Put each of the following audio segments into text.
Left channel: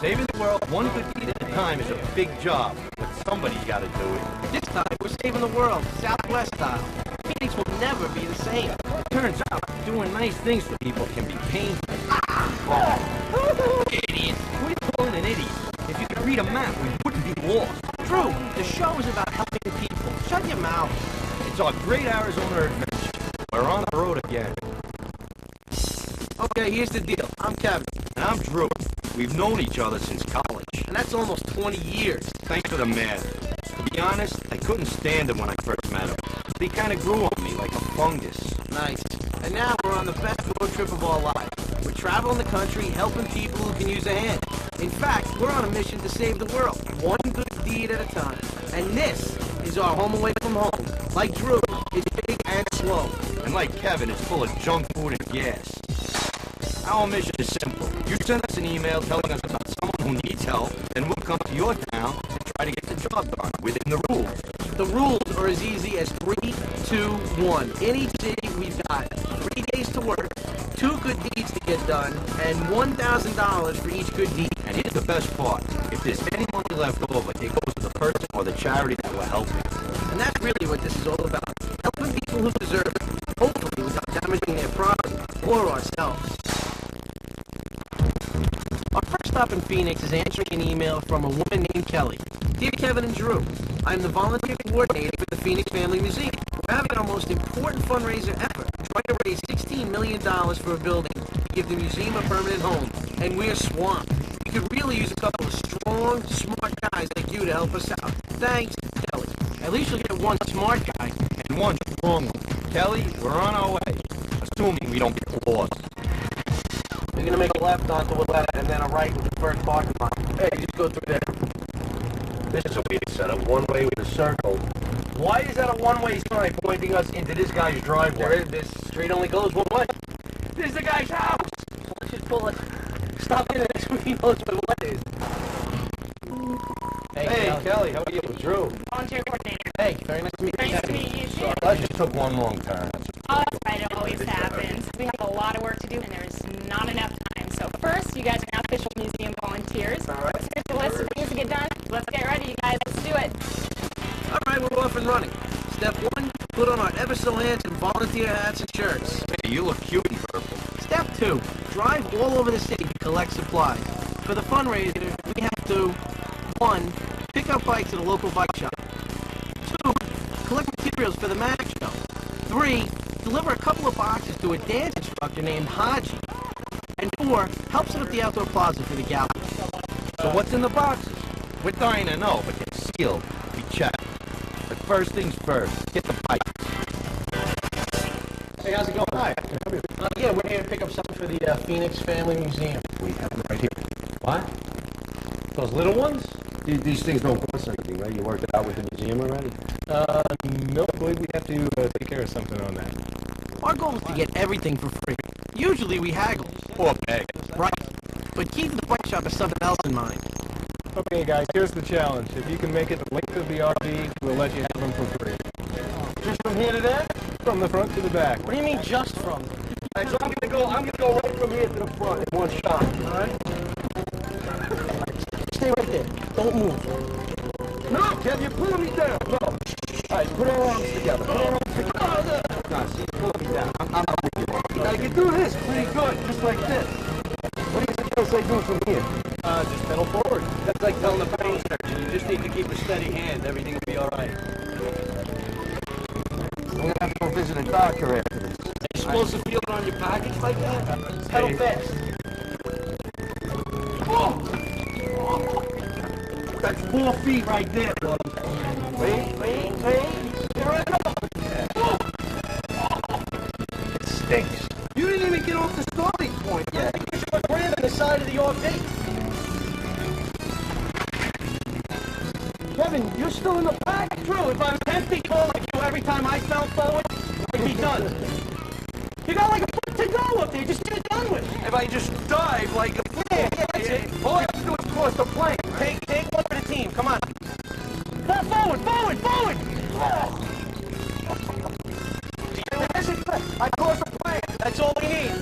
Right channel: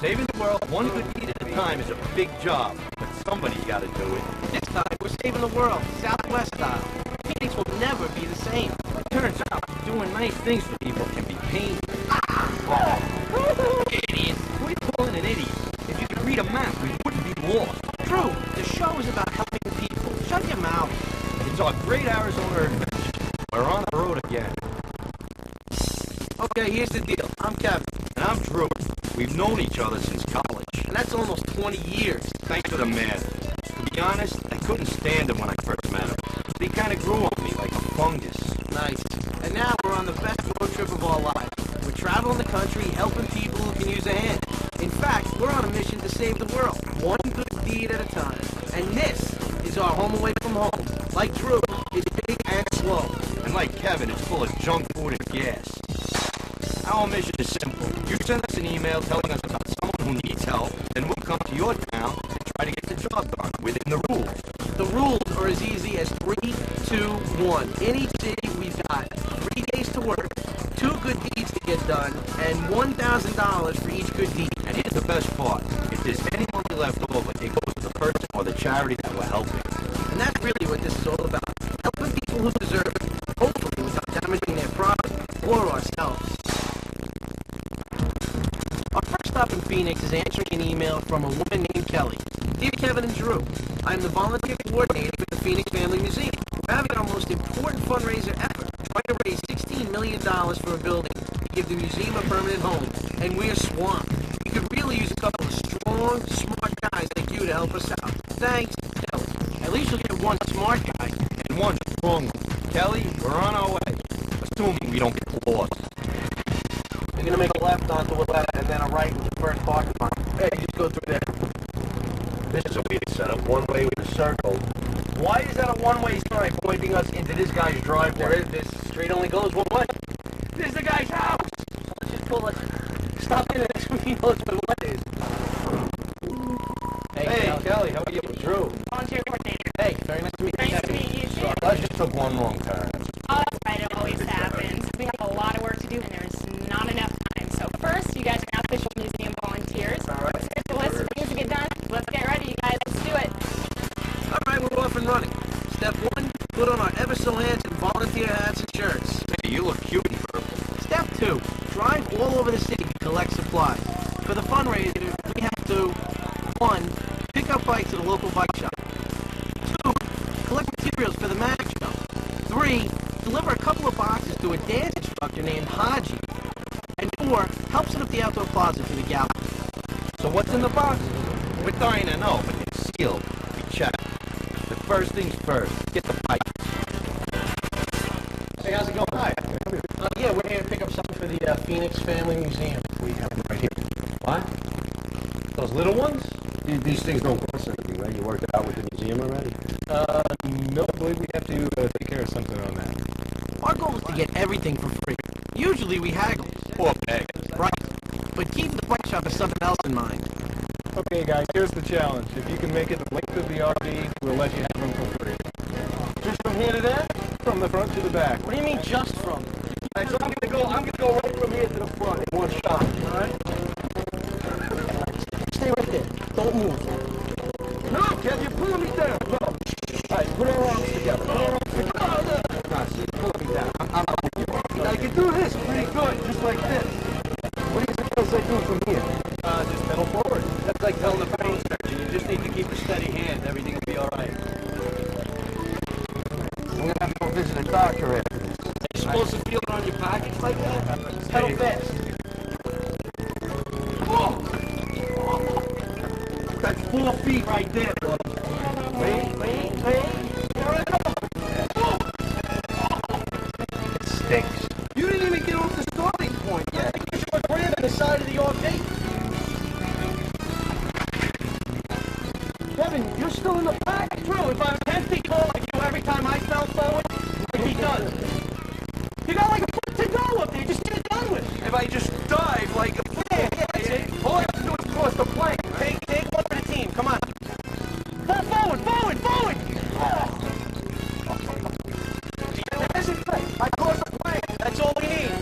Saving the world one good deed at a time is a big job, but somebody's got to do it. This time, we're saving the world, Southwest style. Phoenix will never be the same. It turns out doing nice things for people can be painful. Idiot. We're calling an idiot. If you could read a map, we wouldn't be lost. Drew, the show is about helping people. Shut your mouth. It's our great Arizona adventure. We're on the road again. Okay, here's the deal. I'm Kevin. And I'm Drew. We've known each other since college. And that's almost 20 years. Thanks for the math. To be honest, I couldn't stand him when I first met him. He kind of grew on me like a fungus. Nice. And now we're on the best road trip of our lives. We're traveling the country, helping people who can use a hand. In fact, we're on a mission to save the world, one good deed at a time. And this is our home away from home. Like Drew, it's big and slow. And like Kevin, it's full of junk food and gas. Our mission is simple. You send us an email telling us about someone who needs help, and we'll come to your town and try to get the job done within the rules. The rules are as easy as 3, 2, 1. In each city, we've got 3 days to work, 2 good deeds to get done, and $1,000 for each good deed. And here's the best part. If there's any money left over, it goes to the person or the charity that we're helping. And that's really what this is all about. Helping people who deserve it, hopefully without damaging their pride or ourselves. Our first stop in Phoenix is answering an email from a woman named Kelly. Dear Kevin and Drew, I'm the volunteer coordinator for the Phoenix Family Museum. We're having our most important fundraiser ever, trying to raise $16 million for a building to give the museum a permanent home, and we're swamped. We could really use a couple of strong, smart guys like you to help us out. Thanks, Kelly. At least you'll get one smart guy. And one strong one. Kelly, we're on our way. Assuming we don't get lost. We're gonna make a left onto Willetta and then a right with the first parking lot. Hey, just go through there. This is a weird setup. One way with a circle. Why is that a one-way sign pointing us into this guy's driveway? This street only goes one way. This is the guy's house! So let's just pull it. Stop in and so he knows where what is. Hey, Kelly, how are you? Drew. Volunteer coordinator. Hey, very nice to meet you. Nice to meet you too. I just took one wrong turn. Oh, that's right. It always happens. We have a lot of work to do, and there's not enough time. So first, you guys are now official museum volunteers. All right. Here's the list of things to get done. Let's get ready, you guys. Let's do it. All right, we're off and running. Step 1, put on our ever so handsome volunteer hats and shirts. Hey, you look cute in purple. Step 2, drive all over the city to collect supplies. For the fundraiser, we have to 1, pick up bikes at a local bike shop. 2, collect materials for the magic show. 3, deliver a couple of boxes to a dance instructor named Haji. And 4, help set up the outdoor plaza for the gallery. So what's in the boxes? We're dying to know, but they're sealed. We check. But first things first, get the bikes. Hey, how's it going? Hi. Yeah, we're here to pick up something for the Phoenix Family Museum. We have them right here. What? Those little ones? These things don't cost anything, right? You worked it out with the museum already? No, I believe we have to take care of something on that. Our goal is to get everything for free. Usually we haggle. Or bag. Right. But keeping the bike shop has something else in mind. Okay, guys, here's the challenge. If you can make it the length of the RV, we'll let you have them for free. Just from here to there? From the front to the back. What do you mean just from? All right, so I'm gonna go right from here to the front in one shot. All right. Stay right there. Don't move. No, Kev, you're pulling me down. No. All right, put our arms together. Put our arms together. No, see, you're pulling me down. I'm not with you. I can do this pretty good, just like this. What do you suggest I do from here? Just pedal forward. That's like telling the brain surgeon, you just need to keep a steady hand. Everything will be all right. I'm gonna have to go visit a doctor after this. Are you supposed to feel it on your package like that? Pedal fast. Oh! That's 4 feet right there, buddy. Wait. Here I go. Oh! It stinks. You didn't even get off the starting point yet. I think you should put Graham on the side of the RV. Kevin, you're still in the back? True, if I was 10 feet tall like you every time I fell forward, I'd be done. You got like a foot to go up there, just get it done with. If I just dive like a Yeah, that's it. all I have to do is cross the plank. Take one for the team, come on. Forward! I crossed the plank. That's all we need.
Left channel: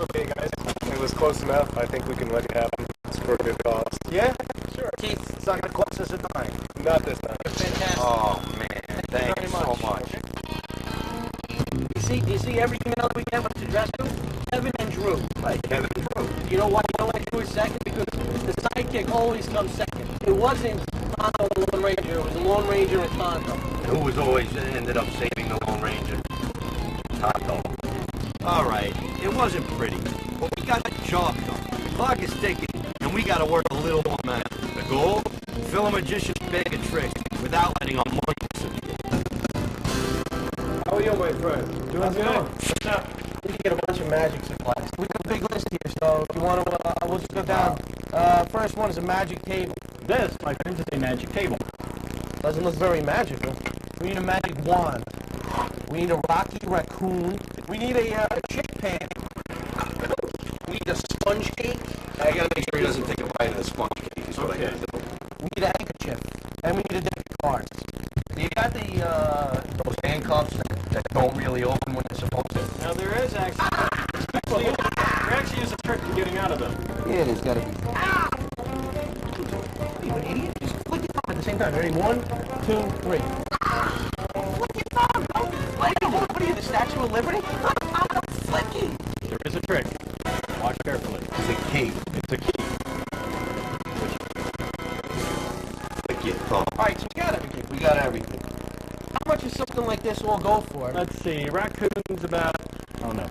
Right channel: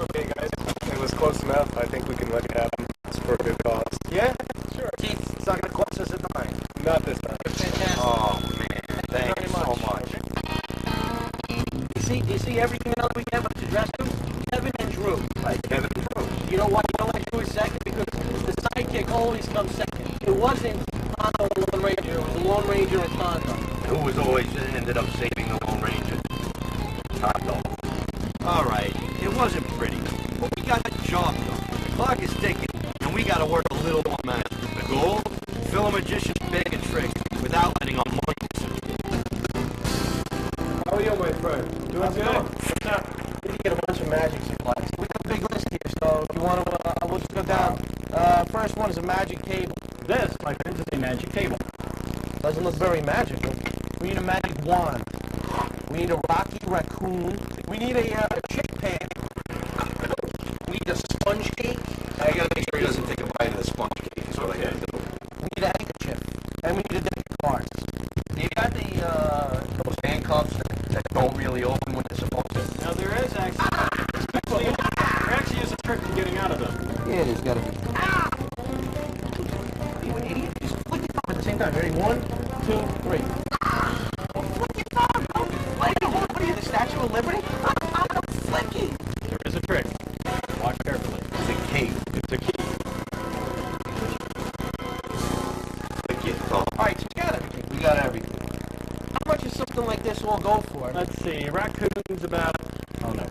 Okay, guys, it was close enough. I think we can let it happen. It's for a good cause. Yeah? Sure. Keith, it's not going to cost us a dime. Not this time. You're fantastic. Oh, man. Thank you so much. Do you see every email that we get what's addressed to? Kevin and Drew. Right, Kevin Drew. You know why you don't like Drew is second? Because the sidekick always comes second. It wasn't Tonto the Lone Ranger. It was the Lone Ranger and Tonto. Who was always ended up saving the Lone Ranger? Tonto. All right, it wasn't pretty, but we got the job done. The clock is ticking, and we got to work a little more magic. The goal? Fill a magician's bag of tricks without letting our money disappear. How are you, my friend? Doing good. What's up? We need to get a bunch of magic supplies. We got a big list here, so if you want to, we'll just go down. First one is a magic table. This, my friends, is a magic table. Doesn't look very magical. We need a magic wand. We need a Rocky Raccoon. We need a chip pan. We need a sponge cake. I gotta make sure he doesn't take a bite of the sponge cake, is what I gotta do. We need a handkerchief. And we need a deck of cards. Do you got the, those handcuffs that don't really open when they're supposed to? Now, there is actually is a trick to getting out of them. Yeah, there's gotta be. Are you an idiot? Just flick your thumb at the same time. Ready? 1, 2, 3. Flick your thumb! Don't flick it! What are you, the Statue of Liberty? I'm flicking! There is a trick. Watch carefully. It's a key. It's a key. Click your thumb. Alright, so we got everything. We got everything. How much is something like this all go for? Let's see. Raccoon's about, oh no,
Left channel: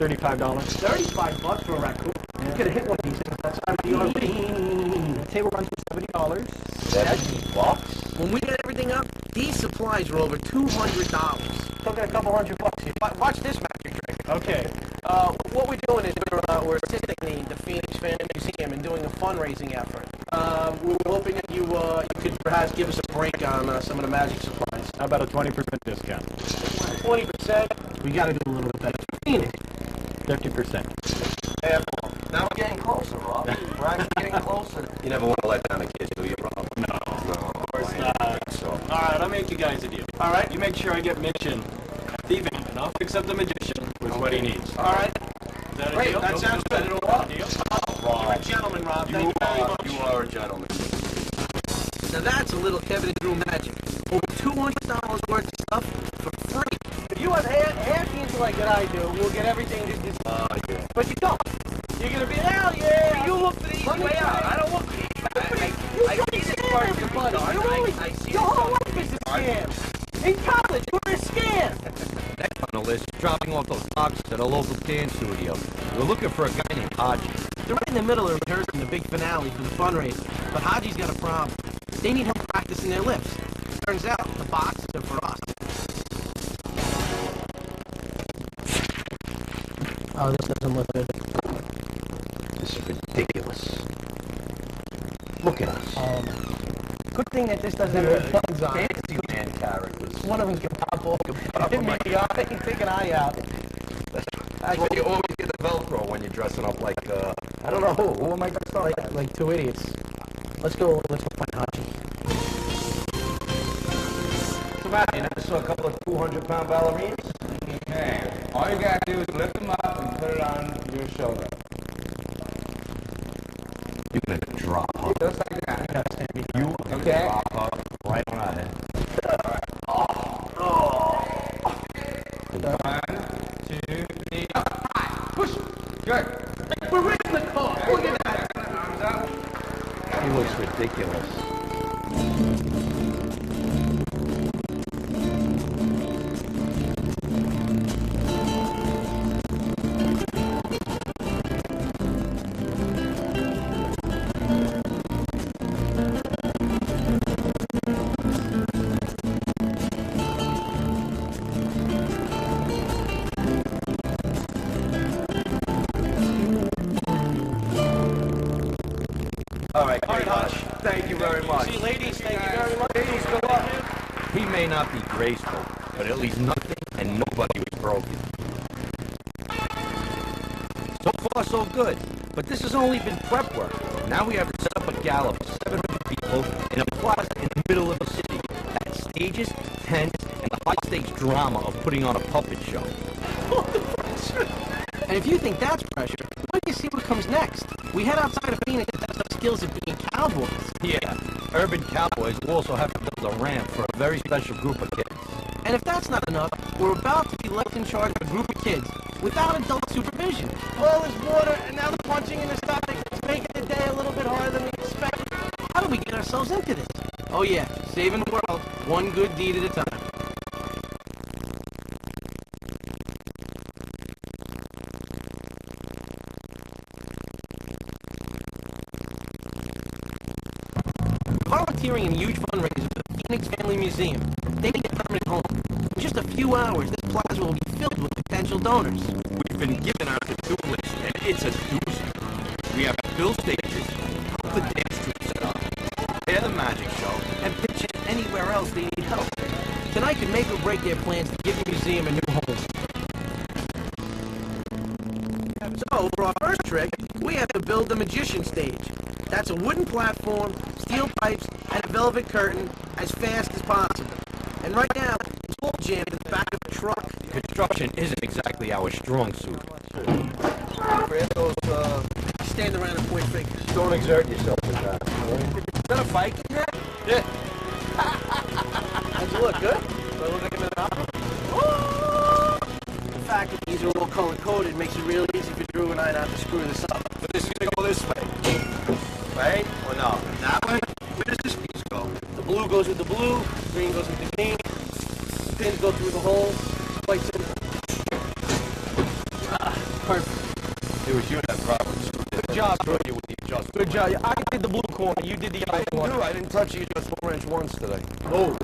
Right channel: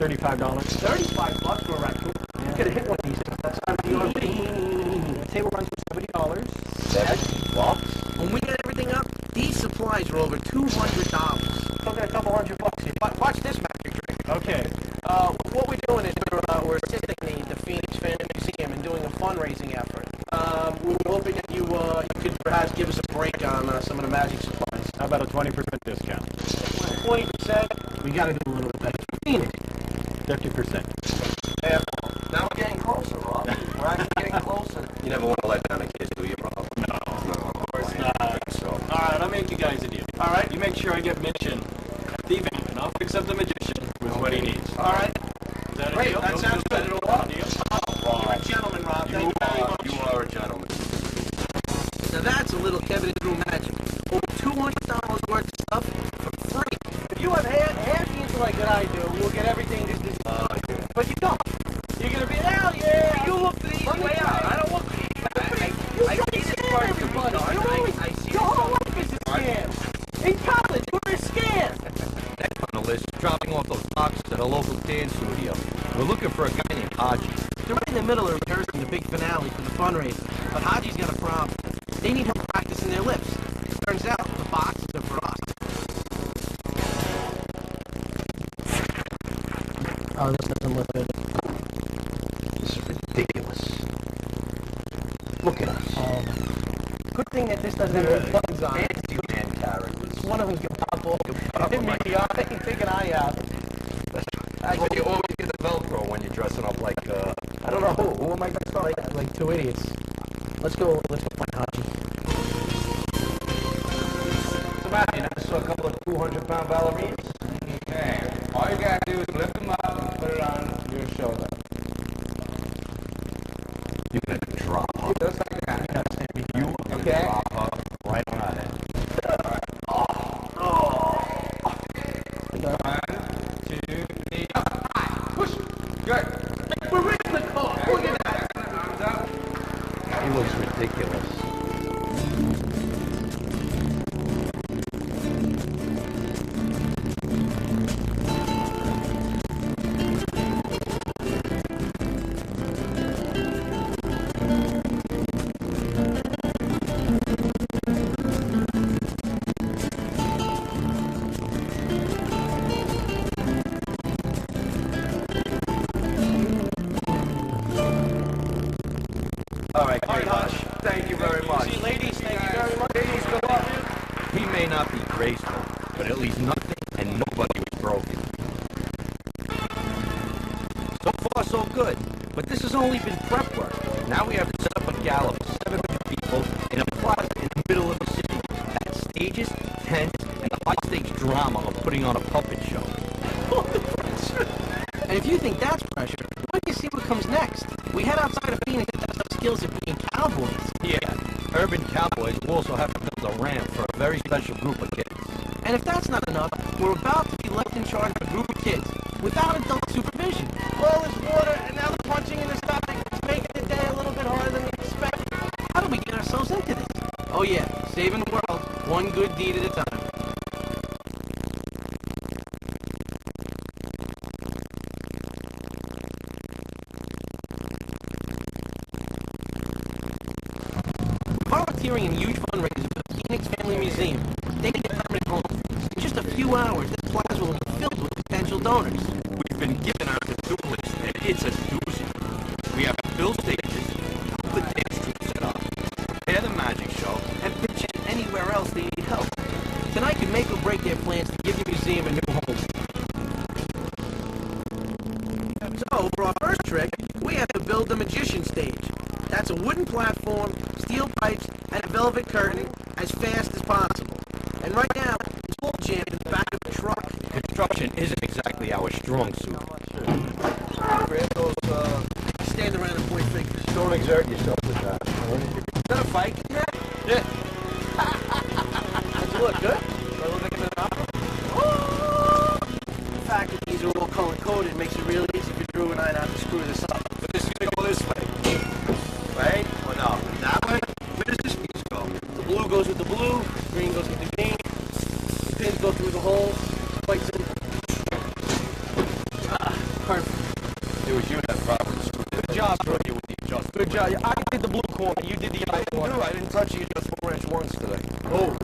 $35. $35 for a raccoon. You could have hit one of these things outside of the RV. The table runs for $70. $70? When we get everything up, these supplies are over $200. Talking a couple $100 here. Watch this magic trick. Okay. What we're doing is we're assisting the Phoenix Family Museum in doing a fundraising effort. We were hoping that you could perhaps give us a break on some of the magic supplies. How about a 20% discount? 20%. We got to do a little bit better. Phoenix. 50%. Now we're getting closer, Rob. We're actually getting closer. You never want to let down the kids, do you, Rob? No, of course not. So. All right, I'll make you guys a deal. All right. You make sure I get mention at the event, and I'll fix up the magician with what he needs. All right. Is that a Great, deal? that sounds good. A deal? You're a gentleman, Rob. Thank you very much. You are a gentleman. Now that's a little Kevin and Drew magic. Over $200 worth of stuff for free. If you have half the intellect that I do, we'll get everything just this. Yeah. But you don't. You're gonna be, hell yeah! You look for the easy way out. I don't look for the easy way out. I see this part to be Everybody. done. You're always, I see your this whole life is a scam. In college, you were a scam. Next on the list is dropping off those boxes at a local dance studio. We're looking for a guy named Haji. They're right in the middle of rehearsing the big finale for the fundraiser. But Haji's got a problem. They need help practicing their lips. Turns out, the boxes are for us. Oh, this doesn't look good. This is ridiculous. Look at us. Good thing that this doesn't have buttons on it. Fantasy man characters. One of them's gonna pop off. Hit me in the eye and take an eye out. That's why you always get the Velcro when you're dressing up like, I don't know who. Who am I dressed up as? Like two idiots. Let's go find Haji. What's the matter? You never saw a couple of 200-pound ballerinas? Okay. All you gotta do is lift them up and put it on your shoulder. You're gonna drop her. Just like that. You are gonna Okay. drop her right on our head. 1, 2, 3, up, high, push. Good. We're in the car. Look at that. Arms up. He looks ridiculous. All right, Hush. Thank you very much. See, ladies, thank you very much. Ladies, go up. He may not be graceful, but at least nothing and nobody was broken. So far, so good. But this has only been prep work. Now we have to set up a gala for 700 people in a plaza in the middle of the city. That's stages, tents, and the high-stakes drama of putting on a puppet show. And if you think that's pressure, why don't you see what comes next? We head outside of Phoenix to test our skills at being cowboys. Yeah, urban cowboys will also have to build a ramp for a very special group of kids. And if that's not enough, we're about to be left in charge of a group of kids without adult supervision. All this water, and now the punching in the stomach. It's making the day a little bit harder than we expected. How did we get ourselves into this? Oh yeah, saving the world, one good deed at a time. We're volunteering in a huge fundraiser for the Phoenix Family Museum. They need a permanent home. In just a few hours, this plaza will be filled with potential donors. We've been given our to-do list, and it's a doozy. We have to build stages, help the dance troupe set up, prepare the magic show, and pitch in anywhere else they need help. Tonight could make or break their plans to give the museum a new home. So, for our first trick, we have to build the magician stage. That's a wooden platform, steel pipes, and a velvet curtain as fast as possible. And right now, it's all jammed in the back of a truck. Construction isn't exactly our strong suit. Grab those, Stand around and point fingers. don't exert yourself with that, all right? Is that a Viking hat? Yeah. How's it look, good? Do I look like I'm in an opera? The fact that these are all color-coded makes it real easy for Drew and I not to screw this up. So this is gonna go this way. Right? Or no? That way? Where does this piece go? The blue goes with the blue, green goes with the green. The pins go through the holes. Quite simple. Perfect. It was you that probably screwed it. Good job, Drew, with the adjustment. Good job. I did the blue corner. You did the yellow corner. I didn't touch the adjustable wrench once today. Oh.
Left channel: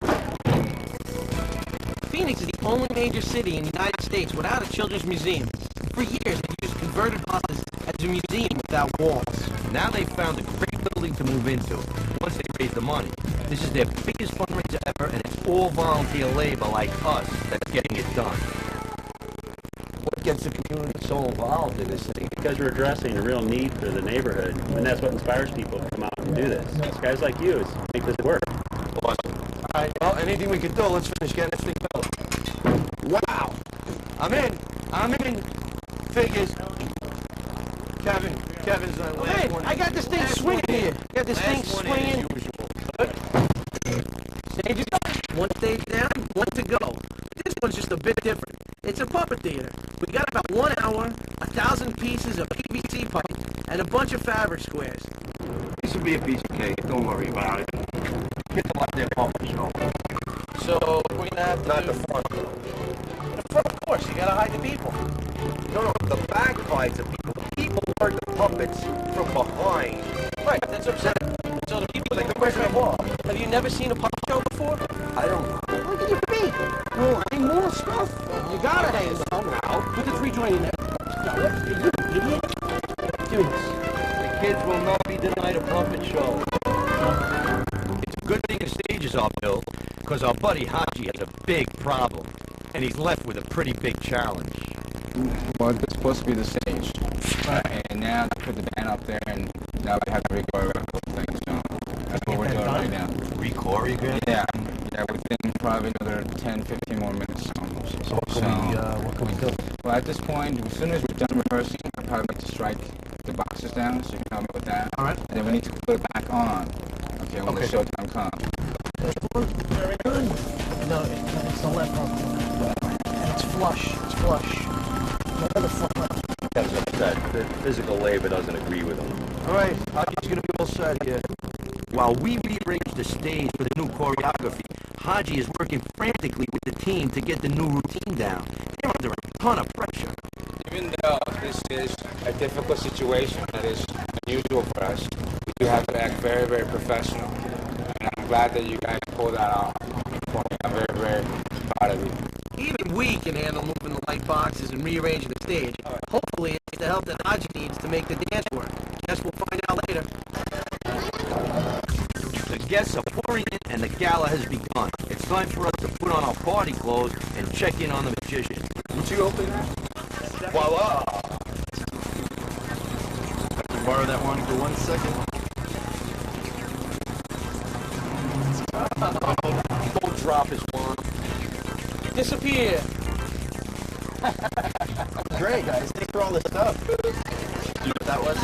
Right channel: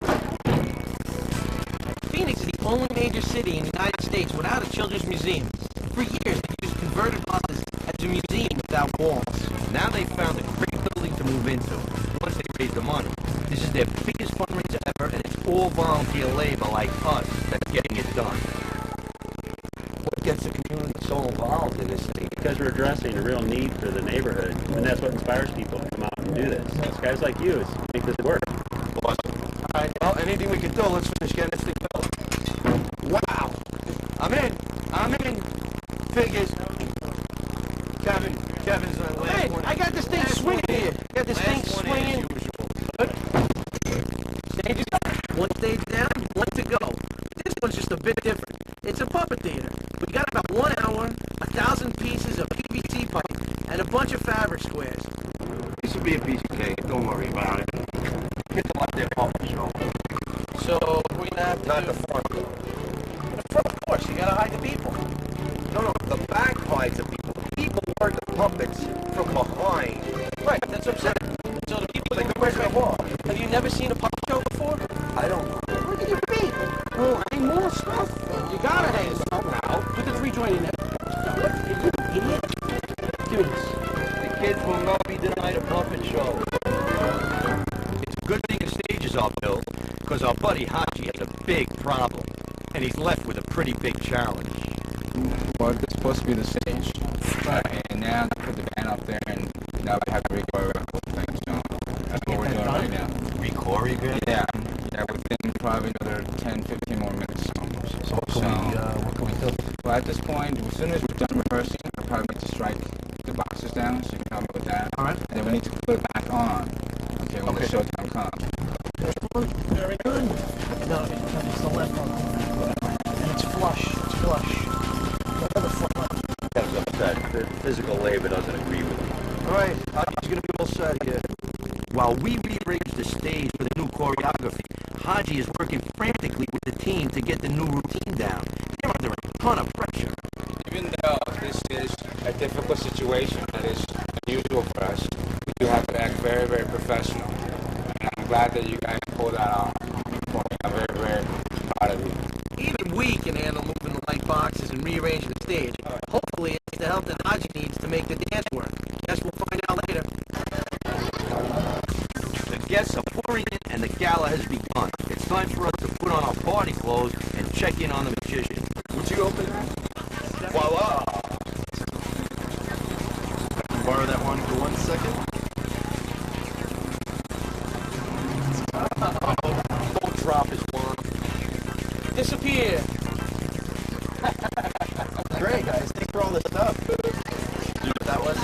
Phoenix is the only major city in the United States without a children's museum. For years, they used converted buses as a museum without walls. Now they've found a great building to move into once they raise the money. This is their biggest fundraiser ever, and it's all volunteer labor like us that's getting it done. What gets the community so involved in this thing? Because we're addressing a real need for the neighborhood, and that's what inspires people to come out and do this. It's guys like you that make this work. Awesome. All right, well, anything we can do, let's finish getting this thing built. Wow. I'm in. Figures. Kevin's on last Man, one. I got this thing Last swinging one in. here. Got this thing Last one in, swinging. as usual. Stage is done. One stage down, one to go. This one's just a bit different. It's a puppet theater. We got about 1 hour, 1,000 pieces of PVC pipe, and a bunch of fabric squares. This will be a piece of cake. Don't worry about it. Get them out there puppet show. So we're gonna have to Not do... the front. The front, of course. You gotta hide the people. No, the back hides the people. The people work the puppets from behind. Right, that's what I'm saying. So the people... Like the Wizard of Oz. Have you never seen a puppet show before? I don't know. Look at your feet. Well, hang more stuff. You gotta hang them. Somehow. Put the 3 joint in there. Now, what? Are you an idiot? Give me this. The kids will not be denied a puppet show. It's a good thing the stages are built, because our buddy Haji has a big problem, and he's left with a pretty big challenge. Well, this is supposed to be the stage. And now they put the band up there, and now we have to record the whole thing. So that's what we're doing right now. Re-choreograph? Yeah, within probably another 10, 15 more minutes. So what can we do? Well, at this point, as soon as we're done rehearsing, I'll probably need to strike the boxes down, so you can help me with that. All right. And then we need to put it back on, okay, when the showtime comes. Very good. No, it's the left front corner. And it's flush. It's flush. The other front left. Kevin's upset. The physical labor doesn't agree with him. All right, Haji's gonna be all set here. While we rearrange the stage for the new choreography, Haji is working frantically with the team to get the new routine down. They're under a ton of pressure. Even though this is a difficult situation that is unusual for us, we do have to act very, very professional. And I'm glad that you guys pulled that off for me. I'm very, very proud of you. Even we can handle moving the light boxes and rearranging the stage. Hopefully, it's the help that Haji needs to make the dance work. Guess we'll find out later. The guests are pouring in and the gala has begun. It's time for us to put on our party clothes and check in on the magician. Would you open that? Voila! Borrow that one for 1 second. Don't drop his wand. Disappear. great, guys. Thanks for all the stuff. You know what that was?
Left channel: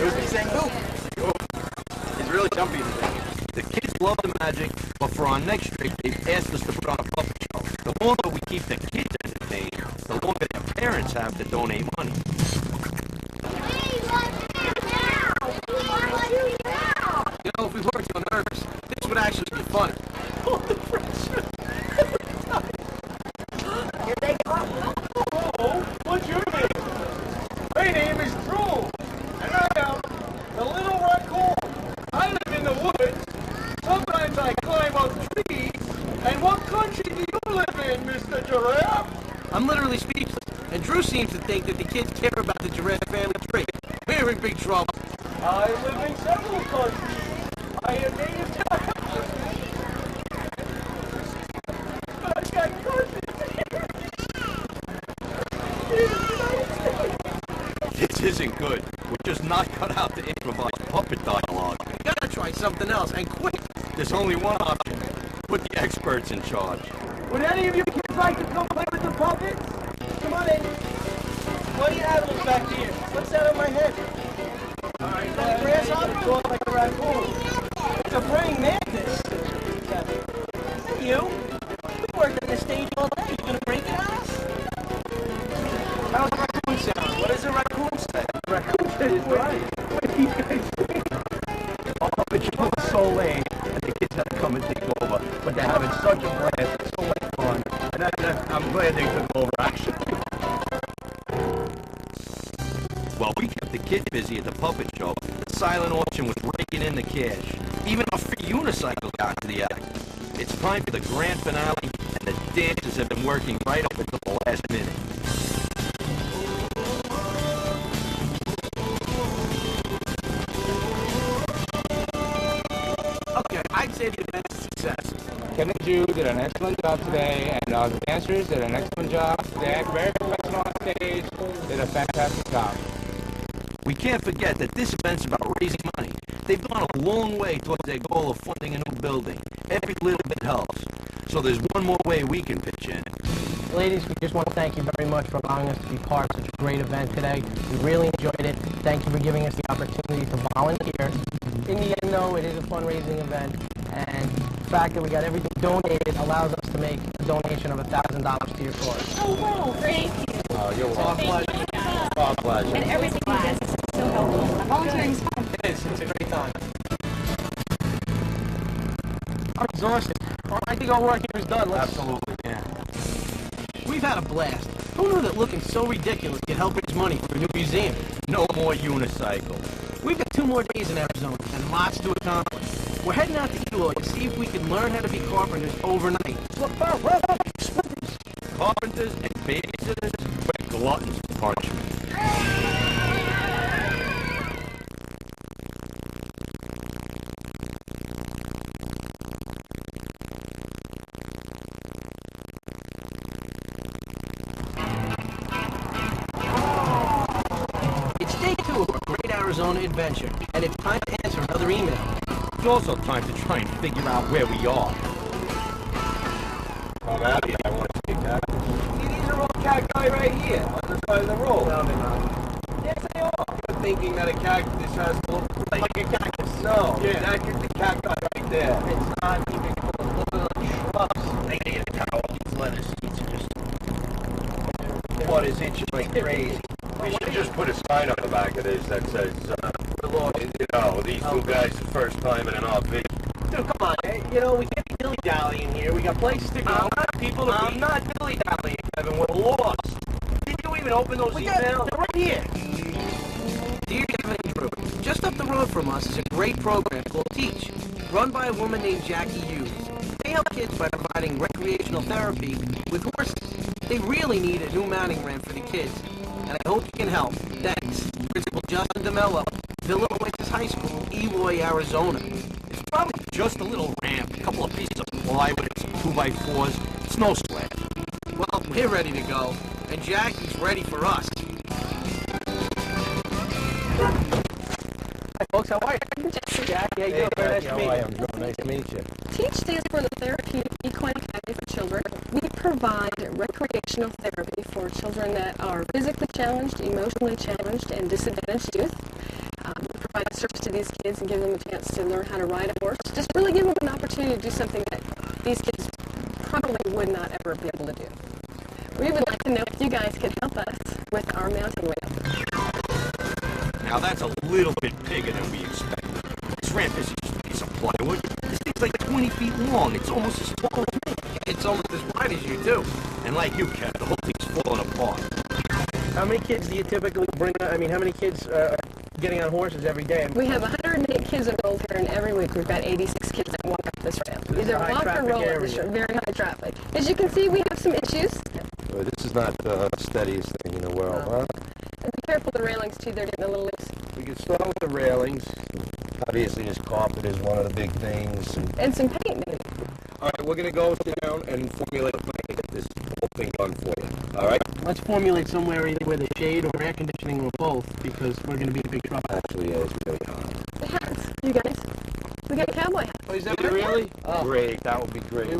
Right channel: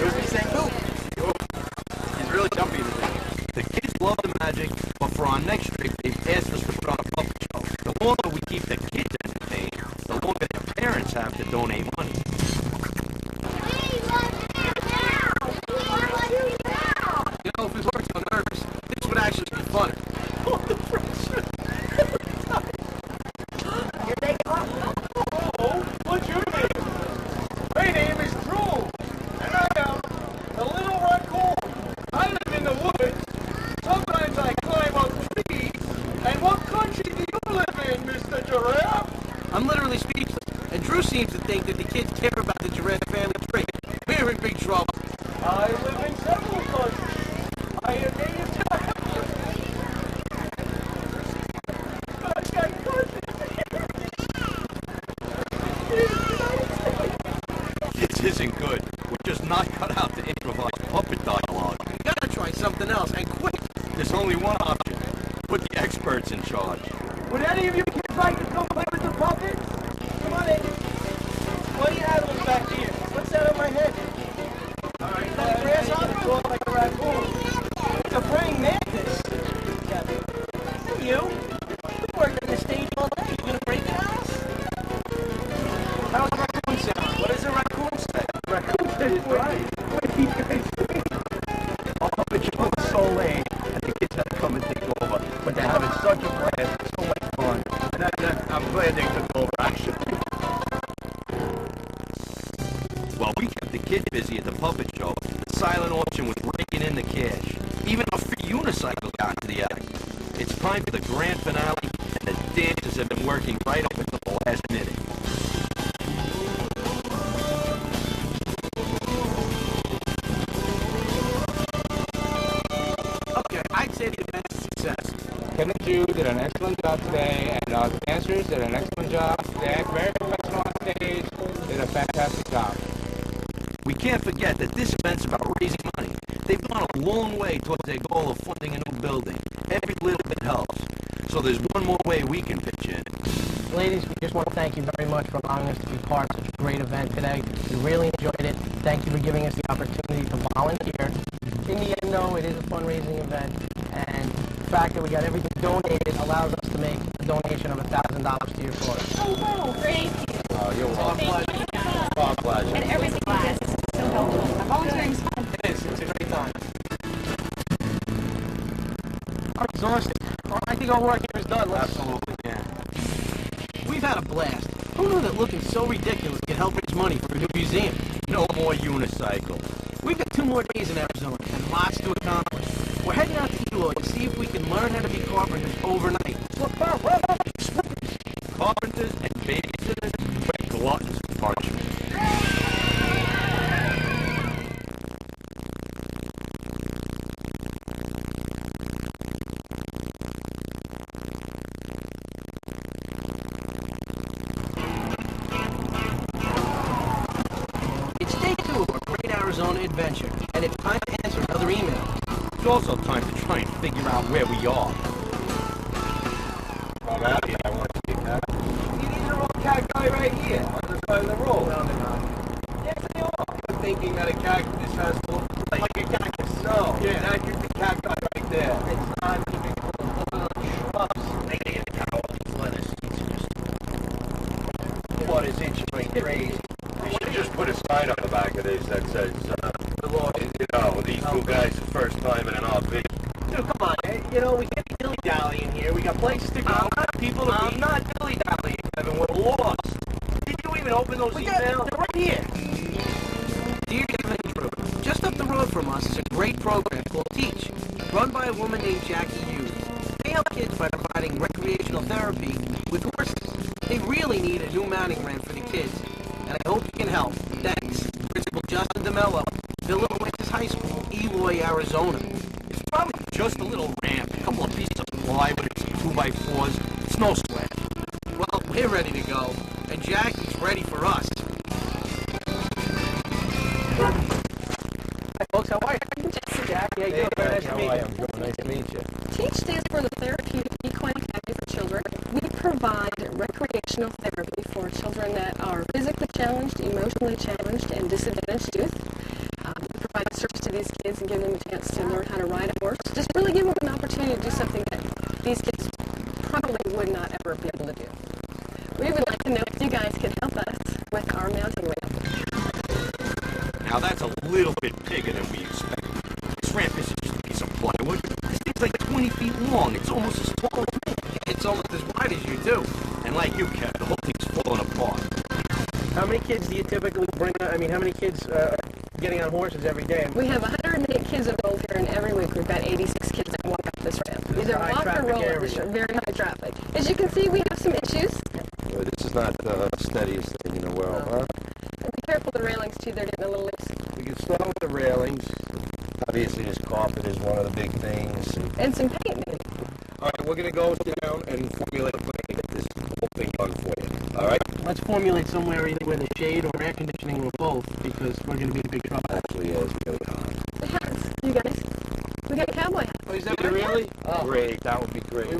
It was me saying boo. He's really jumpy today. The kids love the magic, but for our next trip, they've asked us to put on a puppet show. The longer we keep the kids entertained, the longer their parents have to donate money. You know, if we weren't so nervous, this would actually be fun. Oh, the pressure. Here they come. Hello, what's your name? My name is Drew, and I am the little raccoon. I live in the woods. Sometimes I climb up trees. And what country do you live in, Mr. Giraffe? I'm literally speechless, and Drew seems to think that the kids care about the giraffe family tree. We're in big trouble. I live in several countries. I am native to... I got cousins here. This isn't good. We're just not cut out to improvise puppet dialogue. We gotta try something else, and quick. There's only one option. Put the experts in charge. Would any of you kids like to come play with the puppets? Come on in. What do you have those back here? What's that on my head? All right, is that a grasshopper? Talk like a raccoon. It's a praying mantis. Hey, you. You've worked on the stage all day. You gonna break it on us? How's a raccoon sound? What does a raccoon say? Raccoon says right. What are these guys doing? Our puppet show is so late, and the kids had to come and take over. But they're having such a blast. It's so much fun. And I'm glad they took over, actually. While we kept the kids busy at the puppet show, the silent auction was raking in the cash. Even our free unicycle got into the act. It's time for the grand finale, and the dancers have been working right up until the last minute. Okay, I'd say the event's a success. Ken and Drew did an excellent job today, and the dancers did an excellent job. They act very professional on stage, did a fantastic job. We can't forget that this event's about raising money. They've gone a long way towards their goal of funding a new building. Every little bit helps. So there's one more way we can pitch in. Ladies, we just want to thank you very much for allowing us to be part of such a great event today. We really enjoyed it. Thank you for giving us the opportunity to volunteer. In the end, though, it is a fundraising event, and the fact that we got everything donated allows us to make a donation of $1,000 to your cause. Oh, wow, thank you. Oh, you're welcome. Thank you. Our pleasure. And everything you guys is so helpful. Volunteering's fun. It is. It's a great time. I'm exhausted. Well, I think our work here is done. Absolutely, yeah. We've had a blast. Who knew that looking so ridiculous could help raise money for a new museum? No more unicycle. We've got 2 more days in Arizona and lots to accomplish. We're heading out to Eloy to see if we can learn how to be carpenters overnight. Carpenters and babysitters, we're gluttons for punishment. It's day 2 of our Great Arizona Adventure, and it's time to answer another email. It's also time to try and figure out where we are. I'm happy. I want to see that. See, these are all cacti right here on the side of the road. Yes, they are. You're thinking that a cactus has to look like a cactus. No, Yeah. that's just the cacti right there. It's not even close. Those are the shrubs. I need to count all these lettuce seeds and just... What is itching like crazy? We should just put a sign on the back of this that says, you know, these two guys' first time in an RV. Dude, come on. You know, we can't be dilly-dallying here. We got places to go, people to I'm meet. not dilly-dallying, Kevin. We're lost. Did you even open those emails? They're right here. Dear Kevin and Drew, just up the road from us is a great program called Teach, run by a woman named Jackie Hughes. They help kids by providing recreational therapy with horses. They really need a new mounting ramp for the kids, and I hope you can help. Thanks. Principal Justin DeMello, Villa Oasis High School, Eloy, Arizona. It's probably just a little ramp, a couple of pieces of plywood and some 2x4s. It's no sweat. Well, we're ready to go, and Jackie's ready for us. I folks. How are you? Jackie, how you doing? Very nice to meet you. I'm Joe. Nice to meet you. TEACH stands for the Therapeutic Equine Academy for Children. We provide recreational therapy for children that are physically challenged, emotionally challenged, and disadvantaged youth. We provide a service to these kids and give them a chance to learn how to ride a horse. Just really give them an opportunity to do something that these kids probably would not ever be able to do. We would like to know if you guys could help us with our mountain ramp. Now that's a little bit bigger than we expected. This ramp isn't just a piece of plywood. This thing's like 20 feet long. It's almost as tall as me. It's almost as wide as you, too. And like you, Kev, the whole thing's falling apart. How many kids do you typically bring? I mean, how many kids are getting on horses every day? We have 108 kids enrolled here, and every week we've got 86 kids that walk up this ramp. This is Either a high walk or traffic roll up area. this ramp. Very high traffic. As you can see, we have some issues. This is not the steadiest thing in the world, huh? And be careful of the railings, too. They're getting a little loose. We can start with the railings. Obviously, this carpet is one of the big things. And some paint, maybe. All right, we're going to go sit down and formulate a plan to get this whole thing done for you. All right? Let's formulate somewhere either with a shade or air conditioning or both, because we're going to be in big trouble. Actually, it's really hot. The hats, you guys. We got a cowboy hat. Oh, is that Did you really? Oh. Great, that would be great.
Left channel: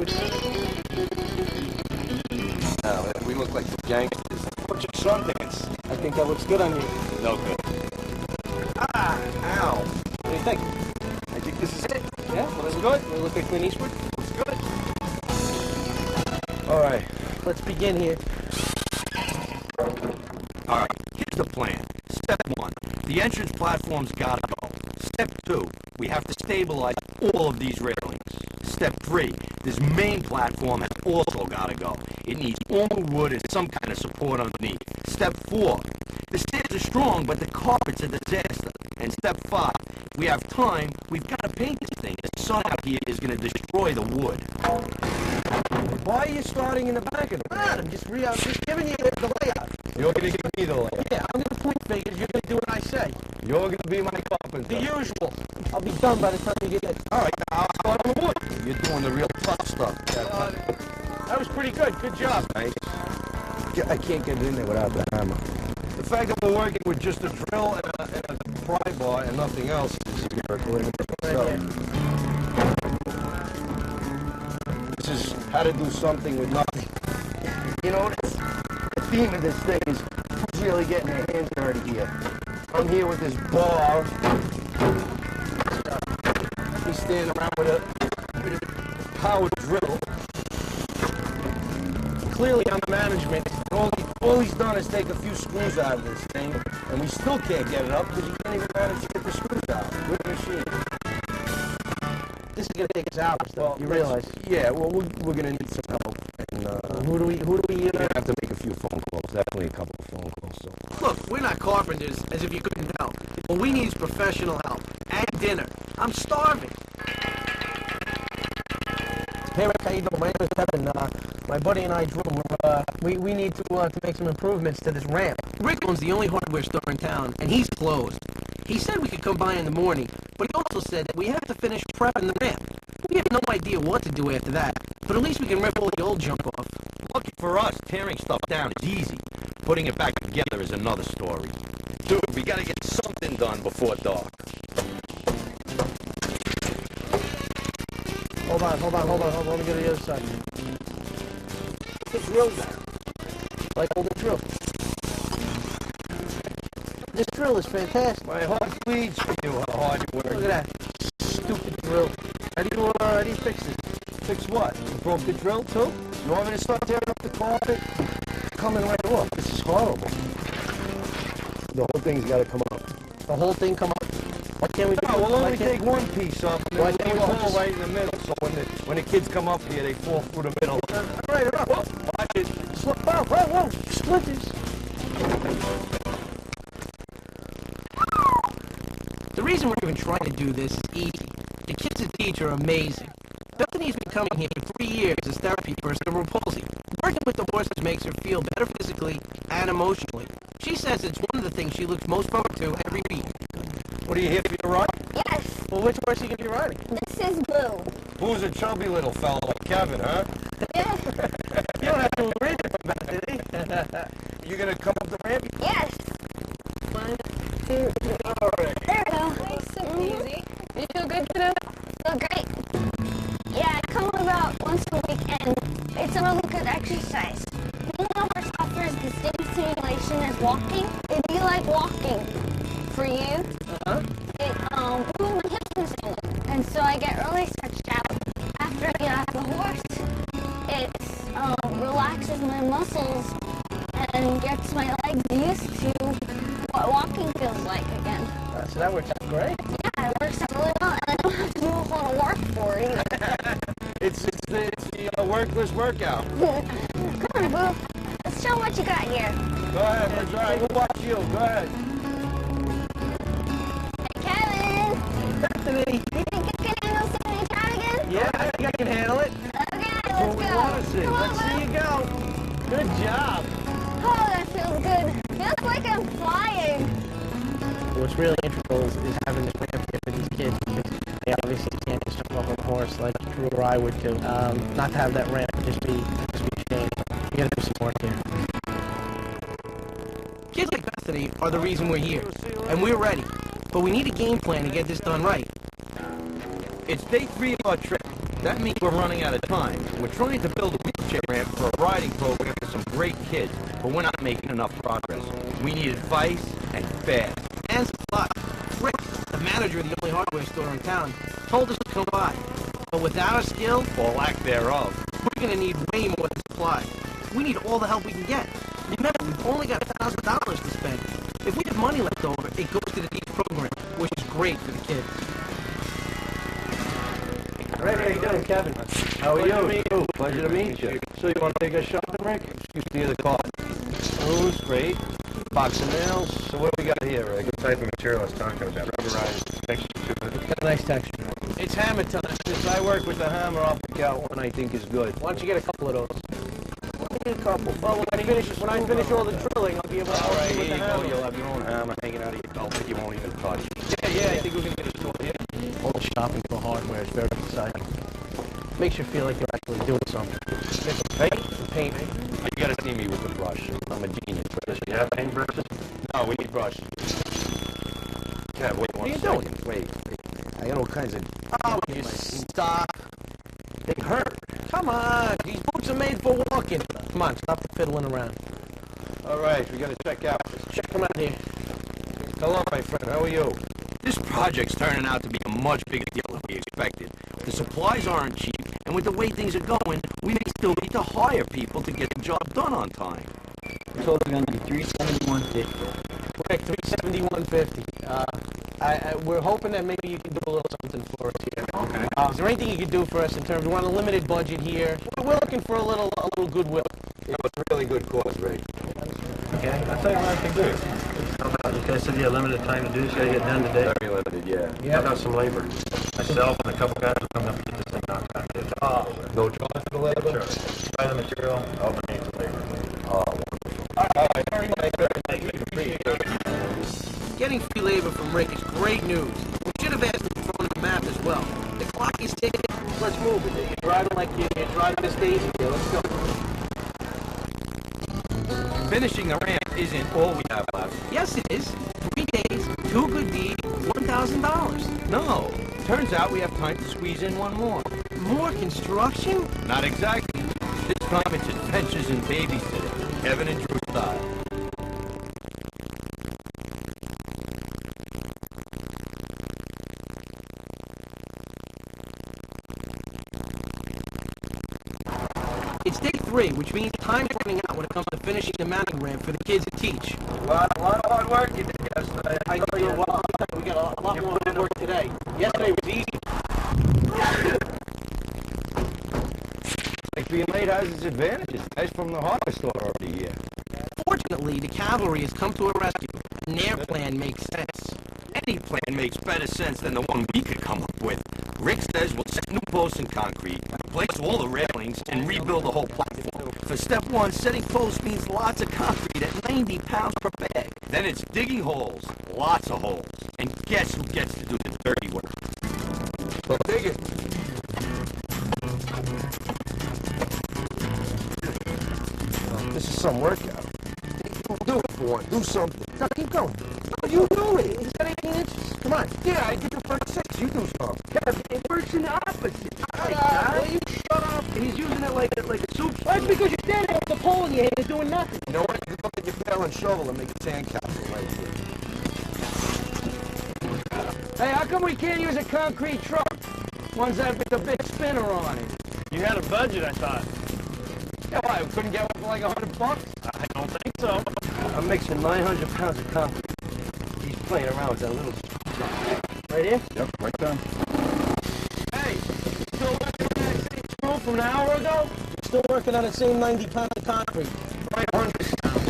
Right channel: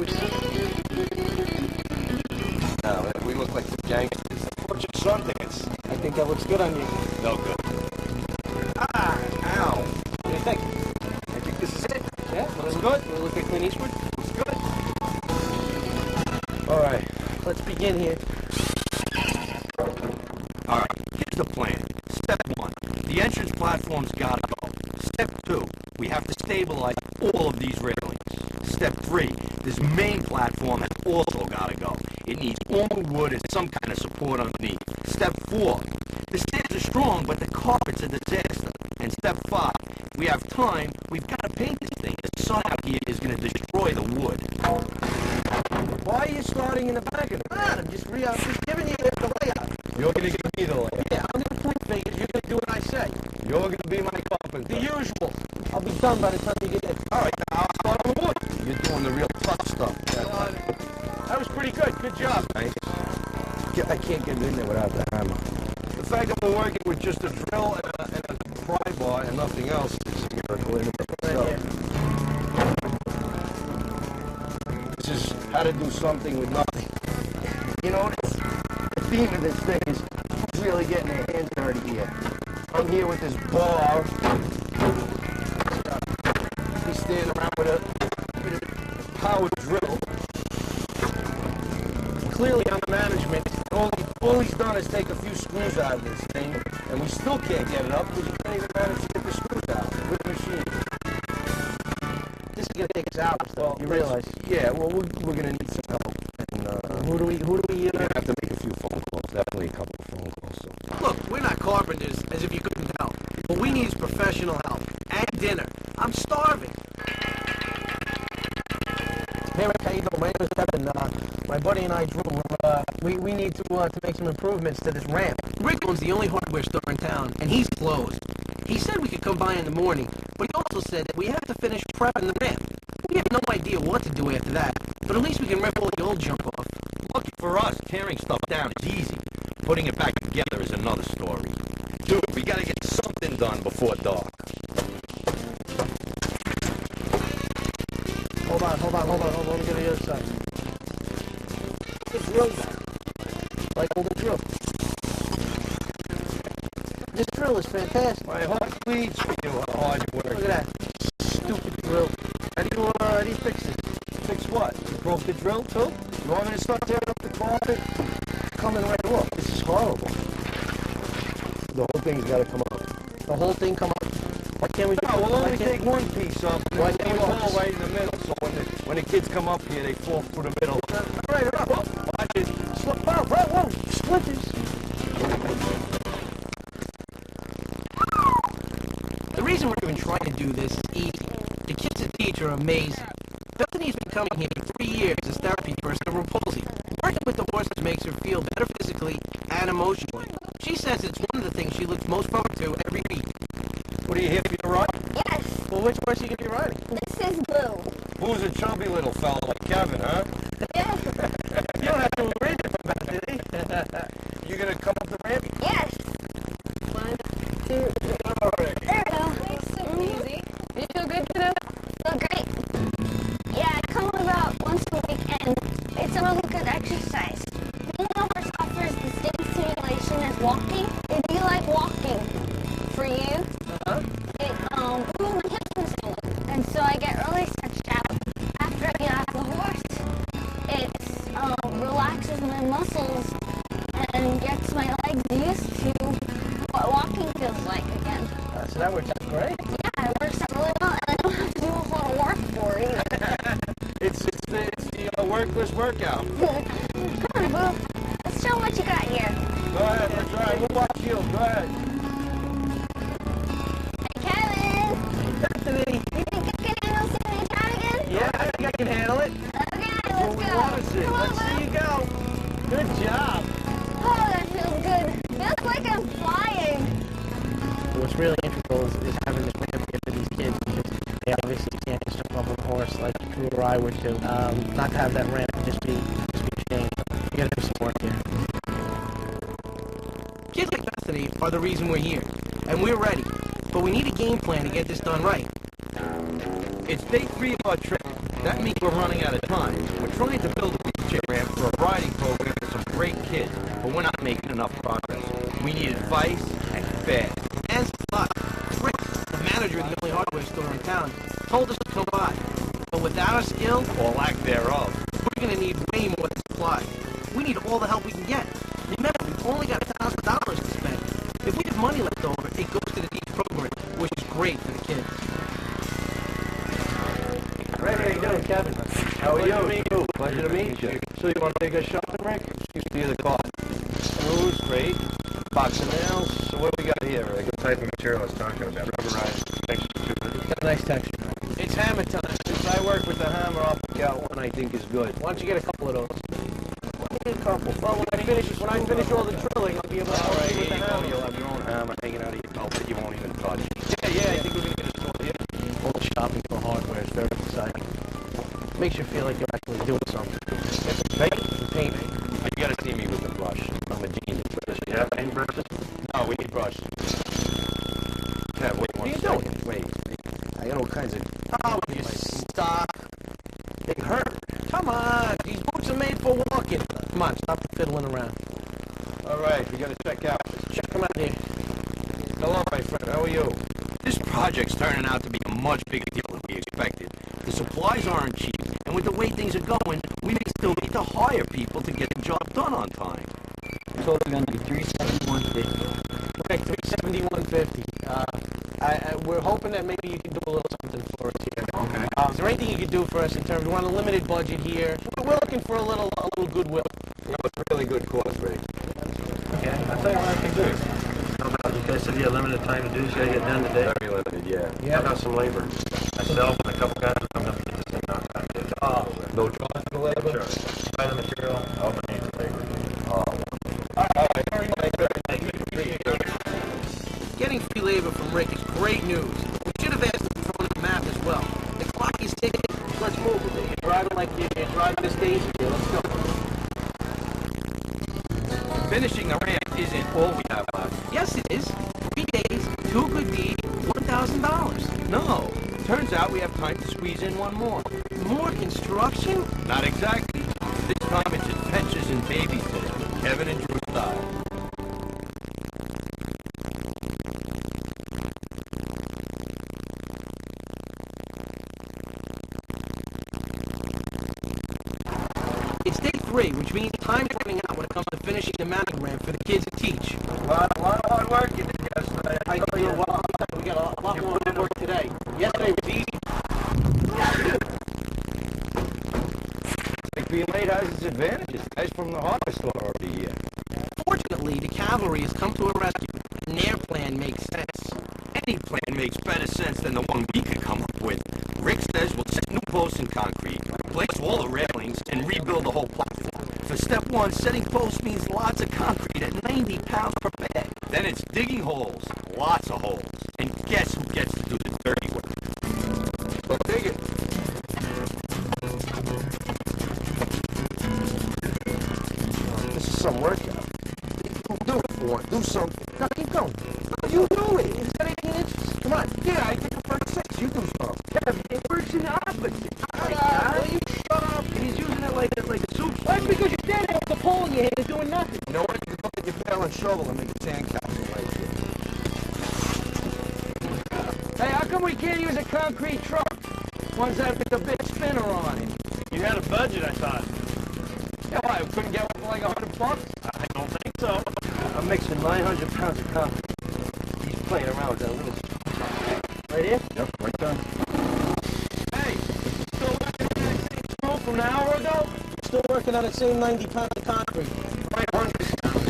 No, we look like some gangsters. Put your Sundance. I think that looks good on you. No good. Ah, ow. What do you think? I think this is it. Yeah? Looks good. We look like Clint Eastwood? Looks good. All right. Let's begin here. All right, here's the plan. Step 1, the entrance platform's gotta go. Step 2, we have to stabilize all of these railings. Step 3, this main platform has also gotta go. It needs all wood and some kind of support underneath. Step 4, the stairs are strong, but the carpet's a disaster. And step 5, if we have time, we've gotta paint this thing. The sun out here is gonna destroy the wood. Why are you starting in the back of the I'm just giving you the layout. You're going to give me the layout. Yeah, I'm going to point fingers. You're going to do what I say. You're going to be my carpenter. The usual. I'll be done by the time you get in. All right, now I'll start on the wood. You're doing the real tough stuff. That was pretty good. Good job. Nice. I can't get in there without the hammer. The fact that we're working with just a drill and a pry bar and nothing else is a miracle in itself. This is how to do something with nothing. You know, the theme of this thing is who's really getting their hands dirty here. I'm here with this bar. He's standing around with a power drill. Clearly on the management, all he's done is take a few screws out of this thing, and we still can't get it up because he can't even manage to get the screws out with the machine. This is going to take us hours, though. You realize? Yeah, well, we're going to need some help. And Who do we? we're going to have to make a few phone calls. Definitely a couple of phone calls. So. Look, we're not carpenters, as if you couldn't tell. What we need is professional help. And dinner. I'm starving. Hey, Rick, how you doing? My name is Kevin. My buddy and I, Drew, we need to make some improvements to this ramp. Rick owns the only hardware store in town, and he's closed. He said we could come by in the morning, but he also said that we have to finish prepping the ramp. We have no idea what to do after that, but at least we can rip all the old junk off. Lucky for us, tearing stuff down is easy. Putting it back together is another story. Dude, we gotta get something done before dark. Hold on. Let me go to the other side. The drill down. Like hold the drill. This drill is fantastic. My heart bleeds for you, how hard you work. Look at that. Stupid drill. How do you fix this? Fix what? You broke the drill, too? You want me to start tearing up the carpet? Coming right off. This is horrible. The whole thing's got to come up. The whole thing come up? Why can't we do No, we'll only take one piece up, and Why then can't we'll we leave a hole just- right in the middle, so when the kids come up here, they fall through the middle. All right, Whoa, watch it. whoa, splinters. The reason we're even trying to do this is easy. The kids at TEACH are amazing. Bethany's been coming here for 3 years as therapy for cerebral palsy. Working with the horses makes her feel better physically and emotionally. She says it's one of the things she looks most forward to every week. What are you here for your ride? Yes, Well, which horse are you going to be riding? this is Blue. Who's a chubby little fella like Kevin, huh? Yes, You don't have to agree with him, Bethany. You gonna come up the ramp? yes. 1, 2, 3. All right. There we go. Nice and easy. You feel good, kiddo? Feel great. Yeah, I come about once a week, and it's a really good exercise. Being a horse offers the same stimulation as walking. It'd be like walking for you. It moves my hips in the same way, and so I get really stretched out after I get off the horse. It relaxes my muscles and gets my legs used to what walking feels like again. So that works out great. Yeah, it works out really well, and I don't have to do a whole lot of work for it either. It's the workless workout. Come on, Boo. Let's show 'em what you got here. Go ahead, let's try. We'll watch you. Go ahead. Hey, Kevin. Bethany. You think you can handle seeing me try again? Yeah, I think I can handle it. Okay, That's let's what we go. want to see. Come on, Let's see Boo. you go. Good job. Oh, that feels good. Feels like I'm flying. What's really integral is having this ramp here for these kids because they obviously can't just jump off on a horse like Drew or I would do. Not to have that ramp would just be a shame. You gotta do some work here. Kids like Bethany are the reason we're here, and we're ready. But we need a game plan to get this done right. It's day 3 of our trip. That means we're running out of time. We're trying to build a wheelchair ramp for a riding program for some great kids, but we're not making enough progress. We need advice and fast. And supply. Rick, the manager of the only hardware store in town, told us to come by. But without our skill, Or lack thereof. we're gonna need way more than supply. We need all the help we can get. Remember, we've only got $1,000 to spend. If we have money left over, it goes to the DEEP program, which is great for the kids. Rick, how you doing, Kevin? How are you? Pleasure to meet you. So you want to take us shopping, Rick? Excuse me, the car. Blues, great. Box of nails. So what do we got here, Rick? What type of material I was talking about? Rubberized texture to it. It's got a nice texture. It's hammer time. Since I work with the hammer, I'll pick out one I think is good. Why don't you get a couple of those? A couple. Well, when I finish all the drilling, I'll be able to All help right, you with here the you go. hammer. You'll have your own hammer hanging out of your belt that you won't even touch. Yeah, I think we're going to get a store here. All the shopping for hardware is very exciting. Makes you feel like you're actually doing something. Get some paint? Some paint. You gotta see me with the brush. I'm a genius. Does she have paintbrushes? No, we need brushes. Kev, wait one What are you second. doing? Wait. I got all kinds of... Oh, you stop. They hurt. Come on, these boots are made for walking. Come on, stop the fiddling around. All right, we gotta check out. Check them out here. Hello, my friend. How are you? This project's turning out to be a much bigger deal than we expected. The supplies aren't cheap, and with the way things are going, we may still need to hire people to get the job done on time. Total going to be $371.50. Rick, $371.50. We're hoping that maybe you can do a little something for us here. Okay. Is there anything you could do for us in terms? We want a limited budget here. We're looking for a little goodwill. That was a really good cause, Ray. Okay, I'll tell you what I can do. How about, you guys said you had limited time to do this, you gotta get done today? Very limited, yeah. How about some labor? Myself and a couple guys will come up and get this thing knocked out. Get it done. No charge for the labor? Sure. Buy the material, I'll donate the labor. Oh, wonderful. All right, very nice. Thank you. Appreciate it. Getting free labor from Rick is great news. We should have asked him to throw in a map as well. The clock is ticking. Let's move it. You're driving like you're driving this daisy here. Let's go. Finishing the ramp isn't all we have left. Yes, it is. 3 days, 2 good deeds, $1,000. No. Turns out we have time to squeeze in one more. More construction? Not exactly. This time it's adventures and babies today. Kevin and Drew style. It's day 3, which means time's running out when it comes to finishing the mounting ramp for the kids to teach. A lot of hard work you did yesterday. I think we got a lot more work today. Yesterday was easy. Like being late has its advantages. Guys from the hardware store are already here. Fortunately, the cavalry has come to our rescue, and their plan makes sense. Any plan makes better sense than the one we could come up with. Rick says we'll set new posts in concrete, replace all the railings, and rebuild the whole platform. For step 1, setting posts means lots of concrete at 90 pounds per bag. Then it's digging holes, lots of holes. And guess who gets to do the dirty work? So dig it. This is some workout. Do it for one. Do something. Now keep going. No, you do it. Is that anything inches. Come on. Yeah, I did the first 6. You do some. Kev, it works in the opposite. All right, will you shut up? He's using it like a soup. That's because you're standing there with the pole in your hand and doing nothing. You know what? You can go get your pail and shovel and make a sandcastle right here. Hey, how come we can't use a concrete truck? Ones that with the big spinner on it. You had a budget, I thought. Yeah, why? We couldn't get one for like $100? I don't think so. I'm mixing 900 pounds of concrete. He's playing around with that little right here? Yep, right there. Hey, still working on that same screw from an hour ago? Still working on the same 90 pounds of concrete. Right, 100 pounds.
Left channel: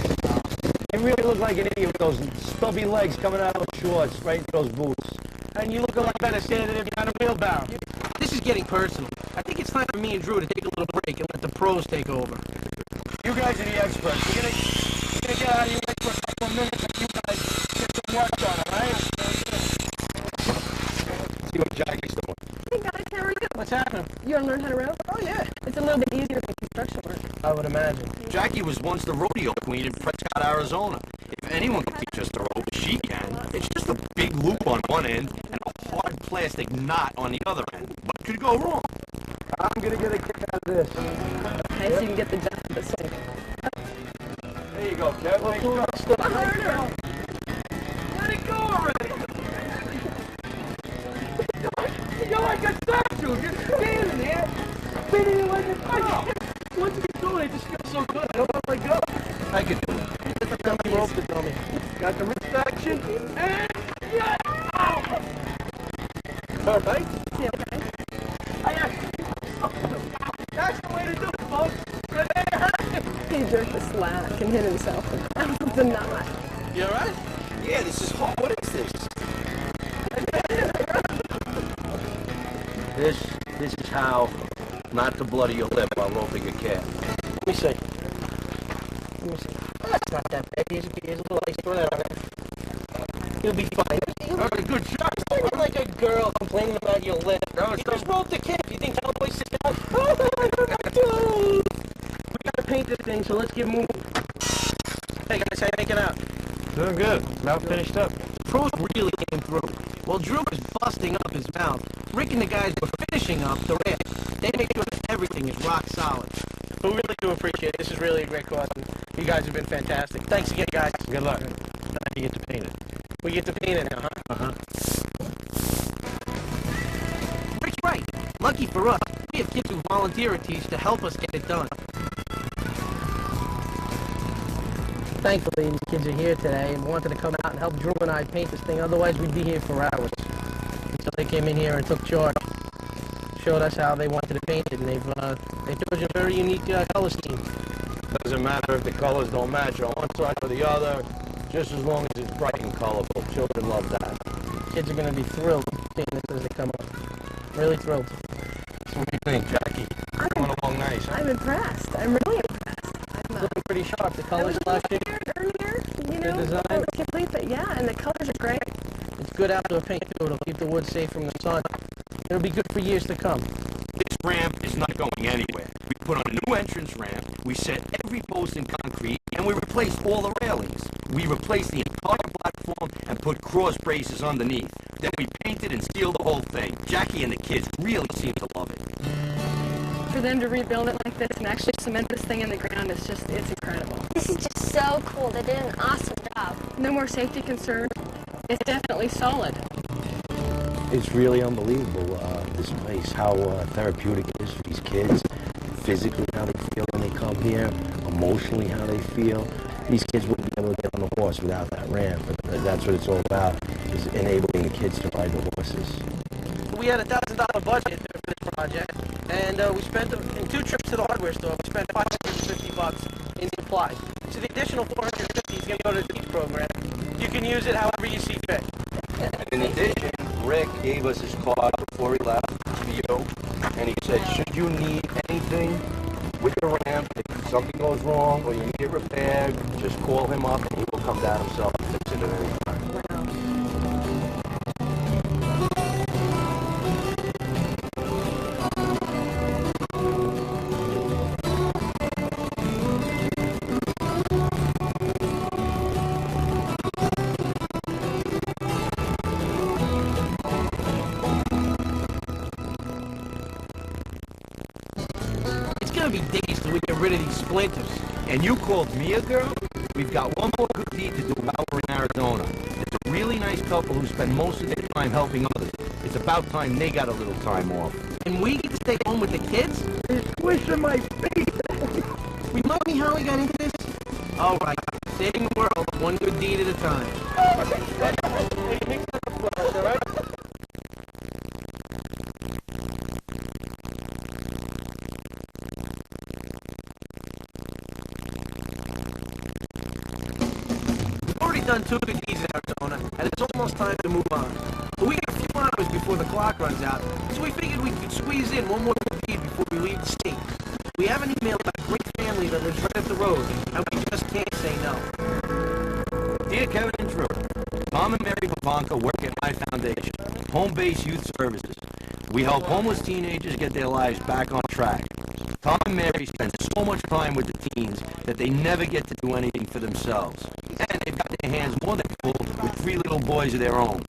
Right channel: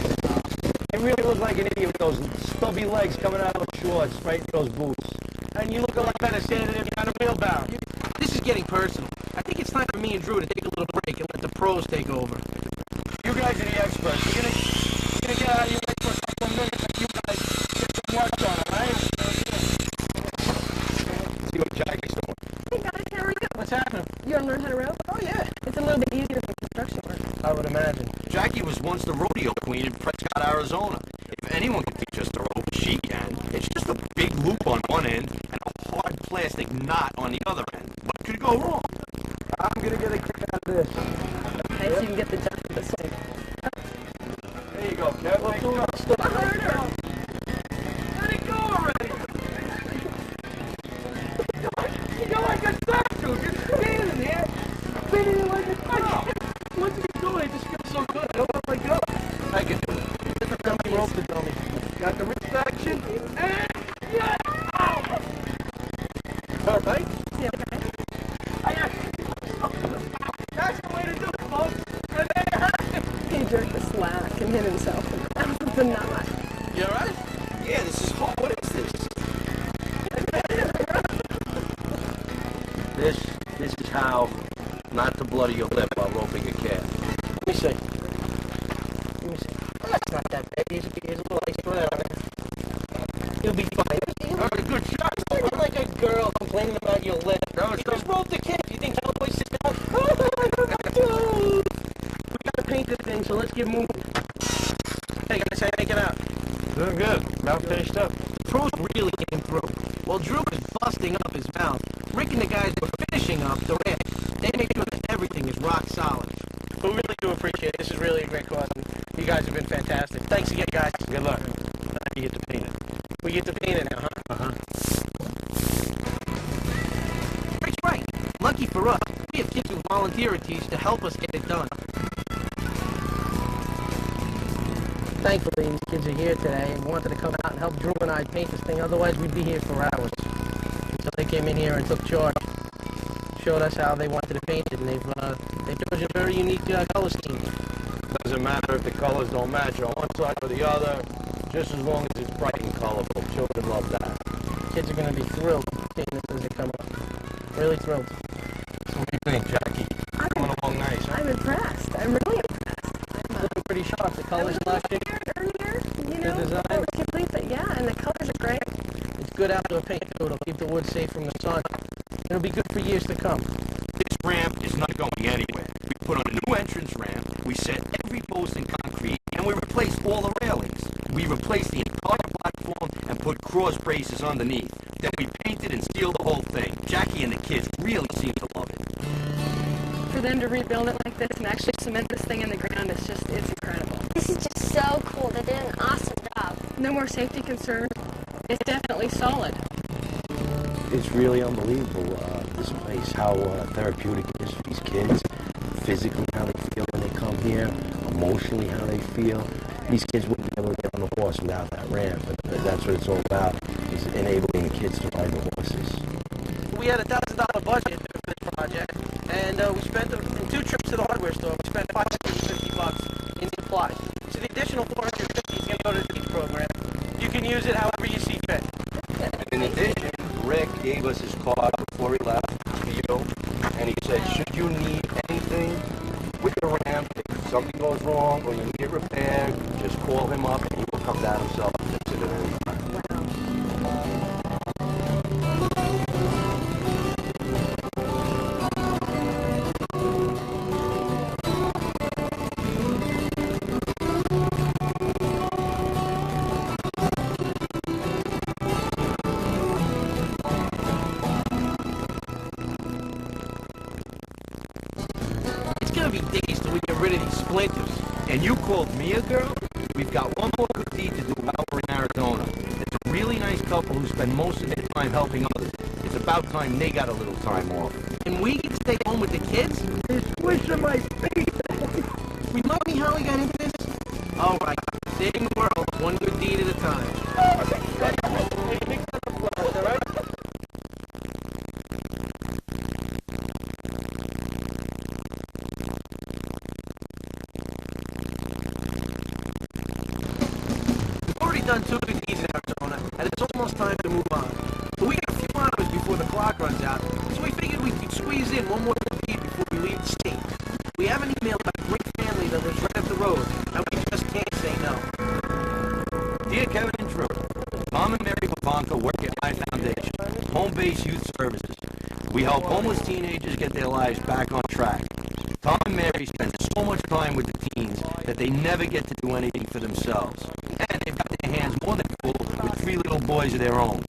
You really look like an idiot with those stubby legs coming out of those shorts, right in those boots. And you look a lot better standing there behind a wheelbarrow. This is getting personal. I think it's time for me and Drew to take a little break and let the pros take over. You guys are the experts. You're gonna get out of your way for a couple of minutes and you guys get some work done, all right? See what Jackie's doing. Hey guys, how are you? What's happening? You want to learn how to row? Oh, yeah. It's a little bit easier than construction work. I would imagine. Jackie was once the rodeo queen in Prescott, Arizona. If anyone can teach us to rope, she can. It's just a big loop on one end and a hard plastic knot on the other end. What could go wrong? I'm gonna get a kick out of this. Okay, so you can get the jump of the swing. There you go, Kev. Well, do it slow. Let it go already. You're like a statue, just standing there, spinning it like a top. Once you get going, it just feels so good. I don't want to let go. I can do it. Get the dummy rope, the dummy. Got the wrist action, and yeah! Oh. All right? Yeah, okay. That's the way to do it, folks. And there you have it. He jerked the slack and hit himself out of the knot. You all right? Yeah, this is hard. What is this? This is how not to bloody your lip while roping a calf. Let me see. That's not that bad. Here's a little ice. Throw that on there. You'll be fine. That's a good shot. You're standing like a girl complaining about your lip. You just roped the kid. You think cowboys sit down? We gotta paint this thing, so let's get moving. Hey guys, how you making out? Doing good. About finished up. The pros really came through. While Drew was busting up his mouth, Rick and the guys were finishing up the ramp. They make sure that everything is rock solid. We really do appreciate it. This is really a great cause, and you guys have been fantastic. Thanks again, guys. Good luck. Now you get to paint it. We get to paint it now, huh? Uh-huh. Rick's right. Lucky for us, we have kids who volunteer at Teach to help us get it done. Thankfully, these kids are here today and wanted to come out and help Drew and I paint this thing. Otherwise, we'd be here for hours. Until they came in here and took charge. Showed us how they wanted to paint it, and they chose a very unique color scheme. Doesn't matter if the colors don't match on one side or the other, just as long as it's bright and colorful. Children love that. Kids are going to be thrilled seeing this as they come up. Really thrilled. So what do you think, Jackie? Coming along nice, huh? I'm impressed. I'm really impressed. Looking pretty sharp. The colors last year. Earlier, you know, The design. it was complete, but yeah, and the colors are great. It's good outdoor paint, too. It'll keep the wood safe from the sun. It'll be good for years to come. This ramp is not going anywhere. We put on a new entrance ramp, we set every post in concrete, and we replaced all the railings. We replaced the entire platform and put cross braces underneath. Then we painted and sealed the whole thing. Jackie and the kids really seem to love it. For them to rebuild it like this and actually cement this thing in the ground, it's incredible. This is just so cool. They did an awesome job. No more safety concerns. It's definitely solid. It's really unbelievable, this place, how therapeutic it is for these kids, physically how they feel when they come here, emotionally how they feel. These kids wouldn't be able to get on the horse without that ramp, but that's what it's all about, is enabling the kids to ride the horses. We had a $1,000 budget for this project, and we spent in 2 trips to the hardware store. We spent $550 in supplies. So the additional $450 is going to go to the Teach program. You can use it however you see fit. And in addition, Rick gave us his card before he left for you, and he said, should you need anything with the ramp, if something goes wrong or you need it repaired, just call him up and he will come down himself and fix it at any time. days till we get rid of these splinters. And you called me a girl? We've got one more good deed to do while we're in Arizona. It's a really nice couple who spend most of their time helping others. It's about time they got a little time off. And we get to stay home with the kids? It's squishing my face. Remind me how we got into this? All right, saving the world one good deed at a time. Hey, mix it up for us, all right? We've already done 2 good deeds in Arizona, and it's almost time to move on. But we got a few hours before the clock runs out, so we figured we could squeeze in one more good deed before we leave the state. We have an email about a great family that lives right up the road, and we just can't say no. Dear Kevin and Drew, Tom and Mary Pavanka work at my foundation, Home-Based Youth Services. We help homeless teenagers get their lives back on track. Tom and Mary spend so much time with the teens that they never get to do anything for themselves. And they've got their hands more than full with 3 little boys of their own.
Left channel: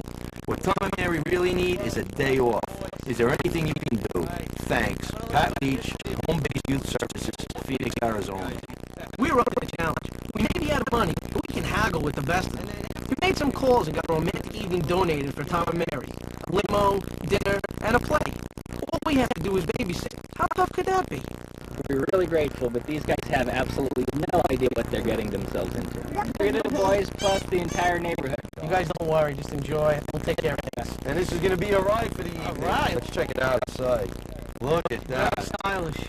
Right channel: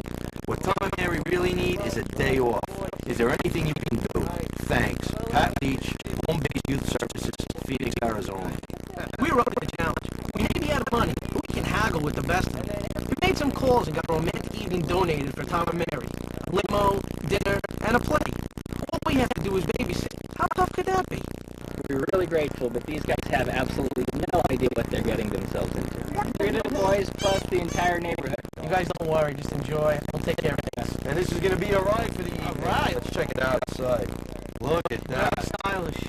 What Tom and Mary really need is a day off. Is there anything you can do? Thanks. Pat Leach, Home-Based Youth Services, Phoenix, Arizona. We're up to the challenge. We may be out of money, but we can haggle with the best of them. We made some calls and got a romantic evening donated for Tom and Mary. A limo, dinner, and a play. All we have to do is babysit. How tough could that be? We're really grateful, but these guys have absolutely no idea what they're getting themselves into. 3 little boys plus the entire neighborhood. You guys don't worry, just enjoy. We'll take care of things. And this is going to be a ride for the evening. All right. Let's check it out outside. Look at that. Very stylish.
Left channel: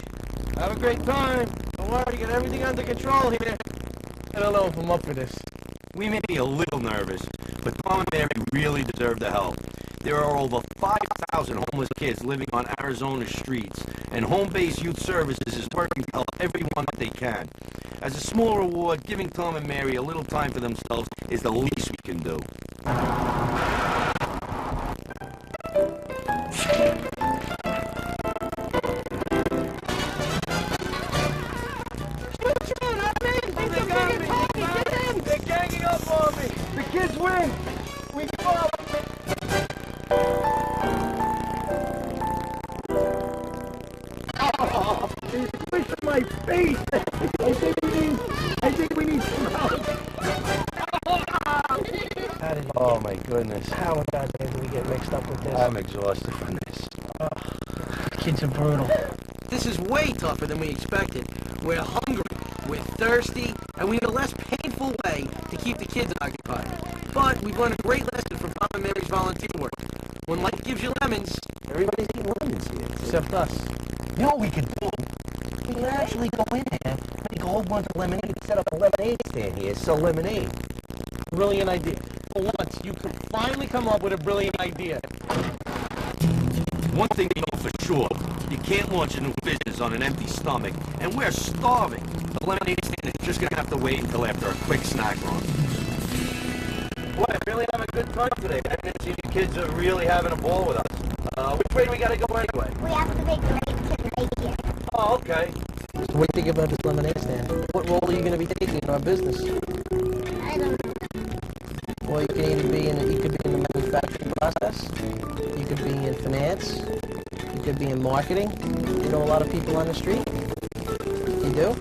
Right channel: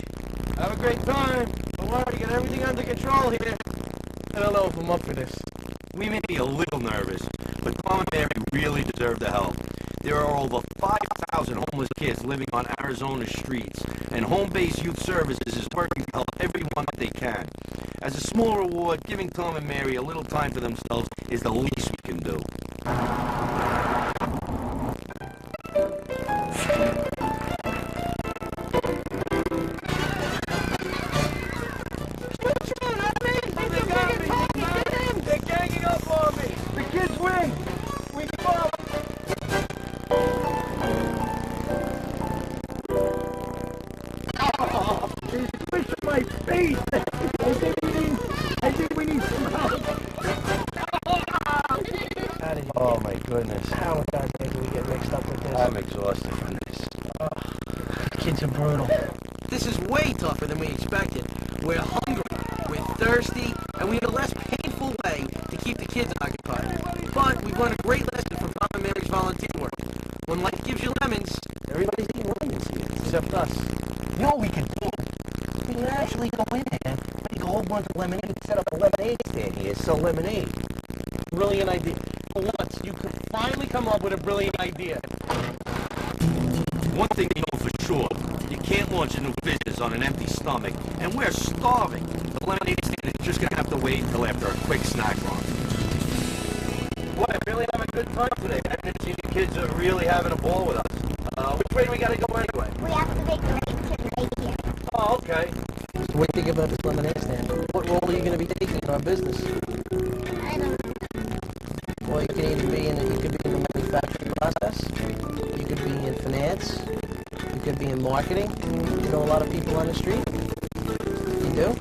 Have a great time. Don't worry, got everything under control here. I don't know if I'm up for this. We may be a little nervous, but Tom and Mary really deserve the help. There are over 5,000 homeless kids living on Arizona's streets, and Home-Based Youth Services is working to help everyone that they can. As a small reward, giving Tom and Mary a little time for themselves is the least we can do. They're ganging up on me. The kids win. We give up. Oh, he's squishing my face. I think we need some help. Oh my goodness. How in God's name do we get mixed up with this? I'm exhausted from this. The kids are brutal. This is way tougher than we expected. We're hungry, we're thirsty, and we need a less painful way to keep the kids occupied. But we've learned a great lesson from Tom and Mary's volunteer work. When life gives you lemons, everybody's eating lemons here. Except us. You know what we could do? We could actually go in there, make a whole bunch of lemonade, set up a lemonade stand here, sell lemonade. Brilliant idea. For once, you could finally come up with a brilliant idea. One thing you know for sure, you can't launch a new business on an empty stomach, and we're starving. The lemonade stand is just going to have to wait until after a quick snack run. Boy, I'm really having a good time today. I didn't see the kids are really having a ball with us. Which way do we got to go anyway? We have to make right to right here. Oh, okay. So what do you think about this lemonade stand? What role are you going to be taking in our business? I don't know. Well, you can either be in the manufacturing process, you could be in finance, you could be in marketing. You know a lot of people on the street? You do?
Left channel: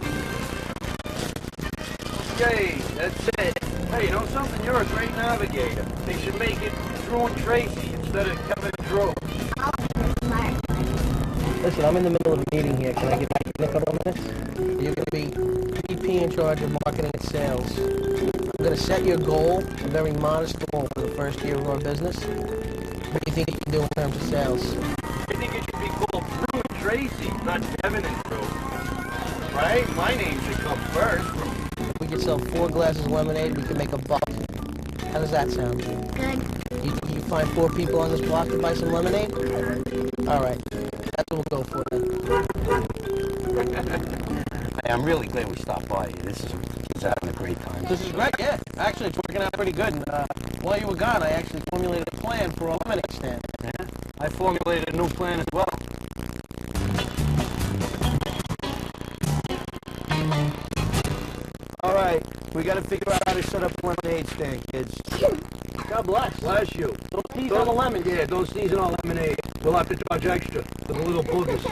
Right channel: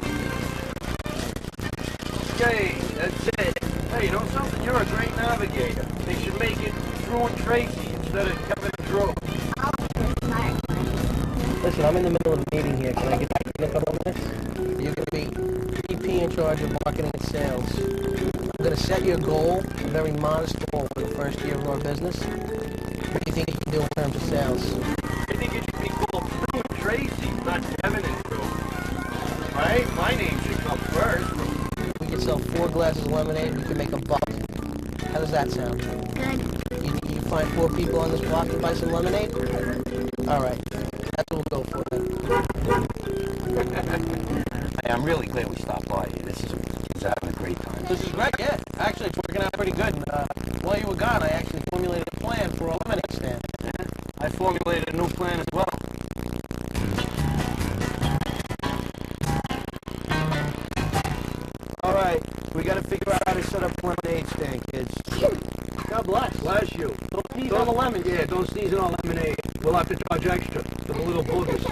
Yay, that's it. Hey, you know something? You're a great navigator. They should make it Drew and Tracy instead of Kevin and Drew. Listen, I'm in the middle of a meeting here. Can I get back in a couple of minutes? You're going to be VP in charge of marketing and sales. I'm going to set your goal, a very modest goal for the first year of our business. What do you think you can do in terms of sales? I think it should be called Drew and Tracy, not Kevin and Drew. Right? My name should come first. We could sell 4 glasses of lemonade, we could make $1. How does that sound? Good. You think you can find 4 people on this block to buy some lemonade? All right. That's what we'll go for then. Hey, I'm really glad we stopped by here. This is kids having a great time. This is great, yeah. Actually, it's working out pretty good. And while you were gone, I actually formulated a plan for a lemonade stand. Yeah, I formulated a new plan as well. All right, we got to figure out how to set up a lemonade stand, kids. God bless. Bless you. Don't sneeze on the lemons. Yeah, don't sneeze on our lemonade. We'll have to charge extra for the little boogers.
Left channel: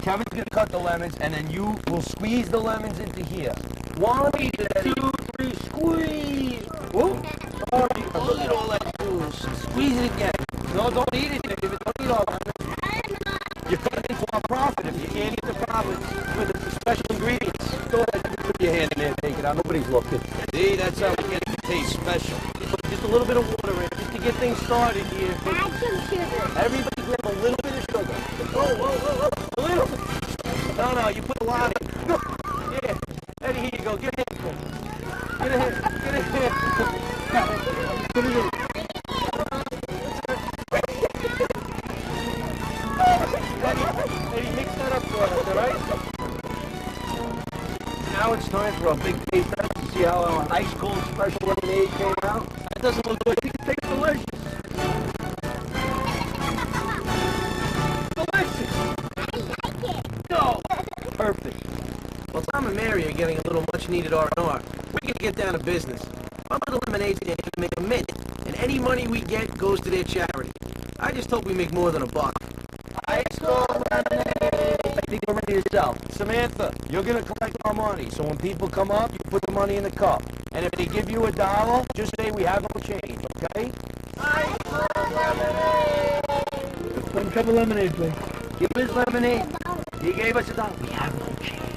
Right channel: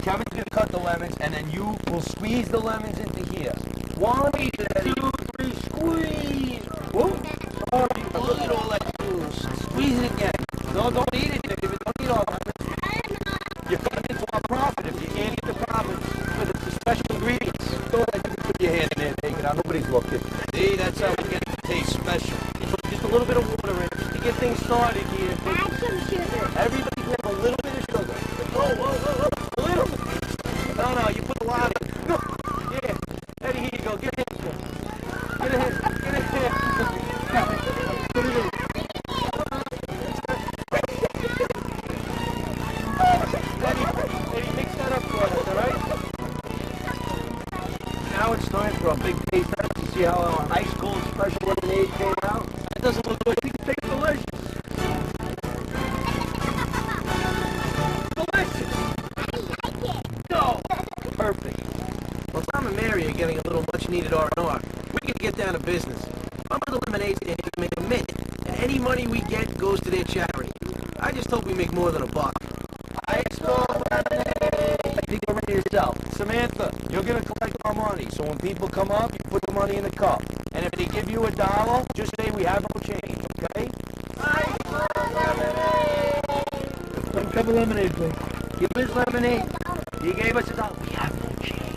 Kevin's gonna cut the lemons, and then you will squeeze the lemons into here. 1, 2, 3, squeeze. Whoop. Sorry, look at all that juice. Squeeze it again. No, don't eat it, David. Don't eat all that. You're cutting into our profit if you can't eat the profits with the special ingredients. Go ahead, you can put your hand in there, take it out. Nobody's looking. See, that's how we get it to taste special. Just a little bit of water in it, just to get things started here. Add some sugar. Everybody grab a little bit of sugar. Oh, a little bit. No, you put a lot in. Yeah. Eddie, here you go. Get a handful. Get a handful. Put it in. Eddie, mix that up for us, all right? Now it's time for a big taste test to see how our ice cold special lemonade came out. That doesn't look good. I think it tastes delicious. Delicious. I like it. No. Perfect. Well, Tom and Mary are getting a little much-needed R&R. We're going to get down to business. Our little lemonade stand is going to make a mint, and any money we get goes to their charity. I just hope we make more than $1. Ice cold lemonade. I think we're ready to sell. Samantha, you're going to collect our money, so when people come up, you put the money in the cup. And if they give you $1, just say we have no change, okay? Ice cold lemonade. One cup of lemonade, please. Give us lemonade. He gave us $1. We have no change.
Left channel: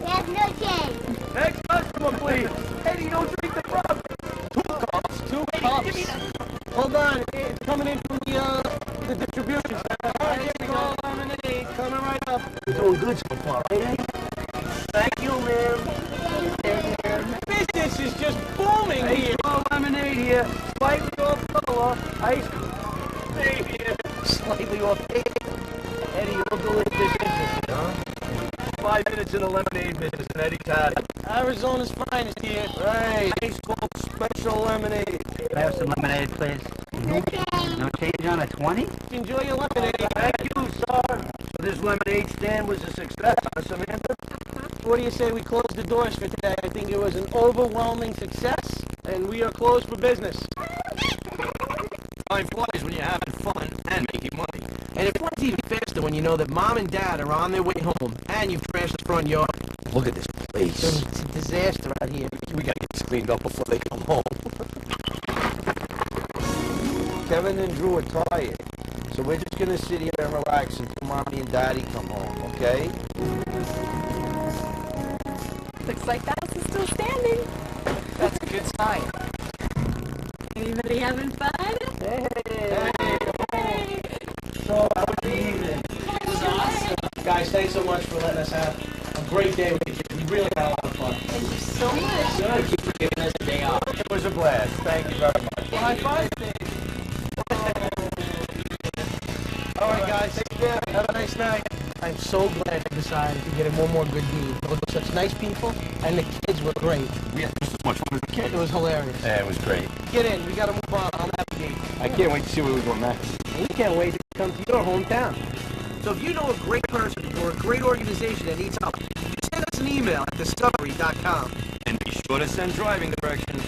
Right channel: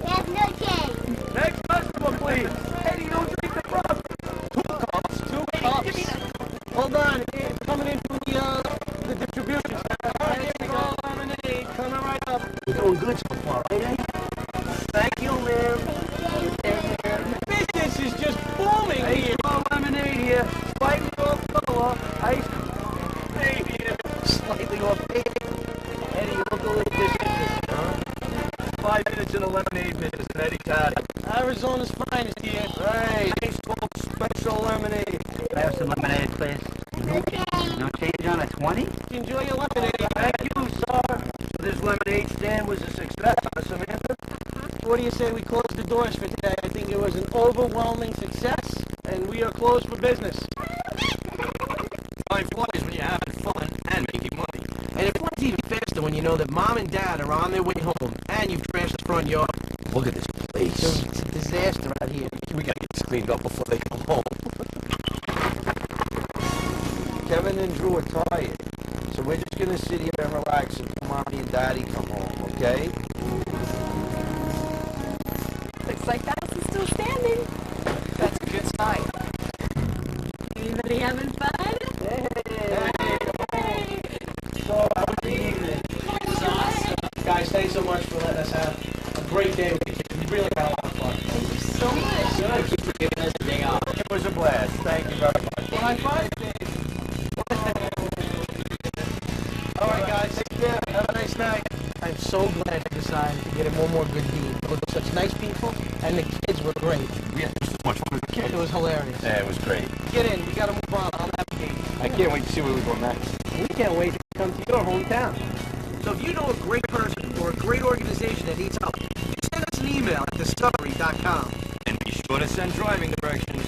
We have no change. Next customer, please. Eddie, don't drink the profit. 2 cups. 2 cups. Give me that cup. Hold on. It's coming in from the distribution center. All right, here we go. Lemonade coming right up. You're doing good so far, right, Eddie? Thank you, ma'am. Business is just booming here. Ice cold lemonade here. Slightly off color. Ice cold here. Slightly off. Eddie, you look a little disinterested, huh? 5 minutes in the lemonade business, and Eddie's had it. Arizona's finest here. Hey, ice cold special lemonade. Can I have some lemonade, please? No change. No change on a 20? Enjoy your lemonade. Thank you, sir. So this lemonade stand was a success, huh, Samantha? What do you say we close the doors for today? I think it was an overwhelming success, and we are closed for business. Time flies when you're having fun and making money. And it flies even faster when you know that Mom and Dad are on their way home, and you've trashed the front yard. Look at this place. It's a disaster out here. We gotta get this cleaned up before they come home. Kevin and Drew are tired, so we're just gonna sit here and relax until Mommy and Daddy come home, okay? Looks like the house is still standing. That's a good sign. Anybody having fun? Hey. So, how was the evening? It was awesome. Guys, thanks so much for letting us have a great day with you kids. We really had a lot of fun. Thank you so much. Thank you for giving us a day off. It was a blast. Thank you very much. Well, high five, Dave. All right, guys. Take care. Have a nice night. I'm so glad I decided to get in one more good deed. They were such nice people, and the kids were great. We had just as much fun as the kids. It was hilarious. Yeah, it was great. Get in. We got to move on. I'll navigate. I can't wait to see where we go next. We can't wait to come to your hometown. So if you know a great person or a great organization that needs help, just send us an email at discovery.com. And be sure to send driving directions.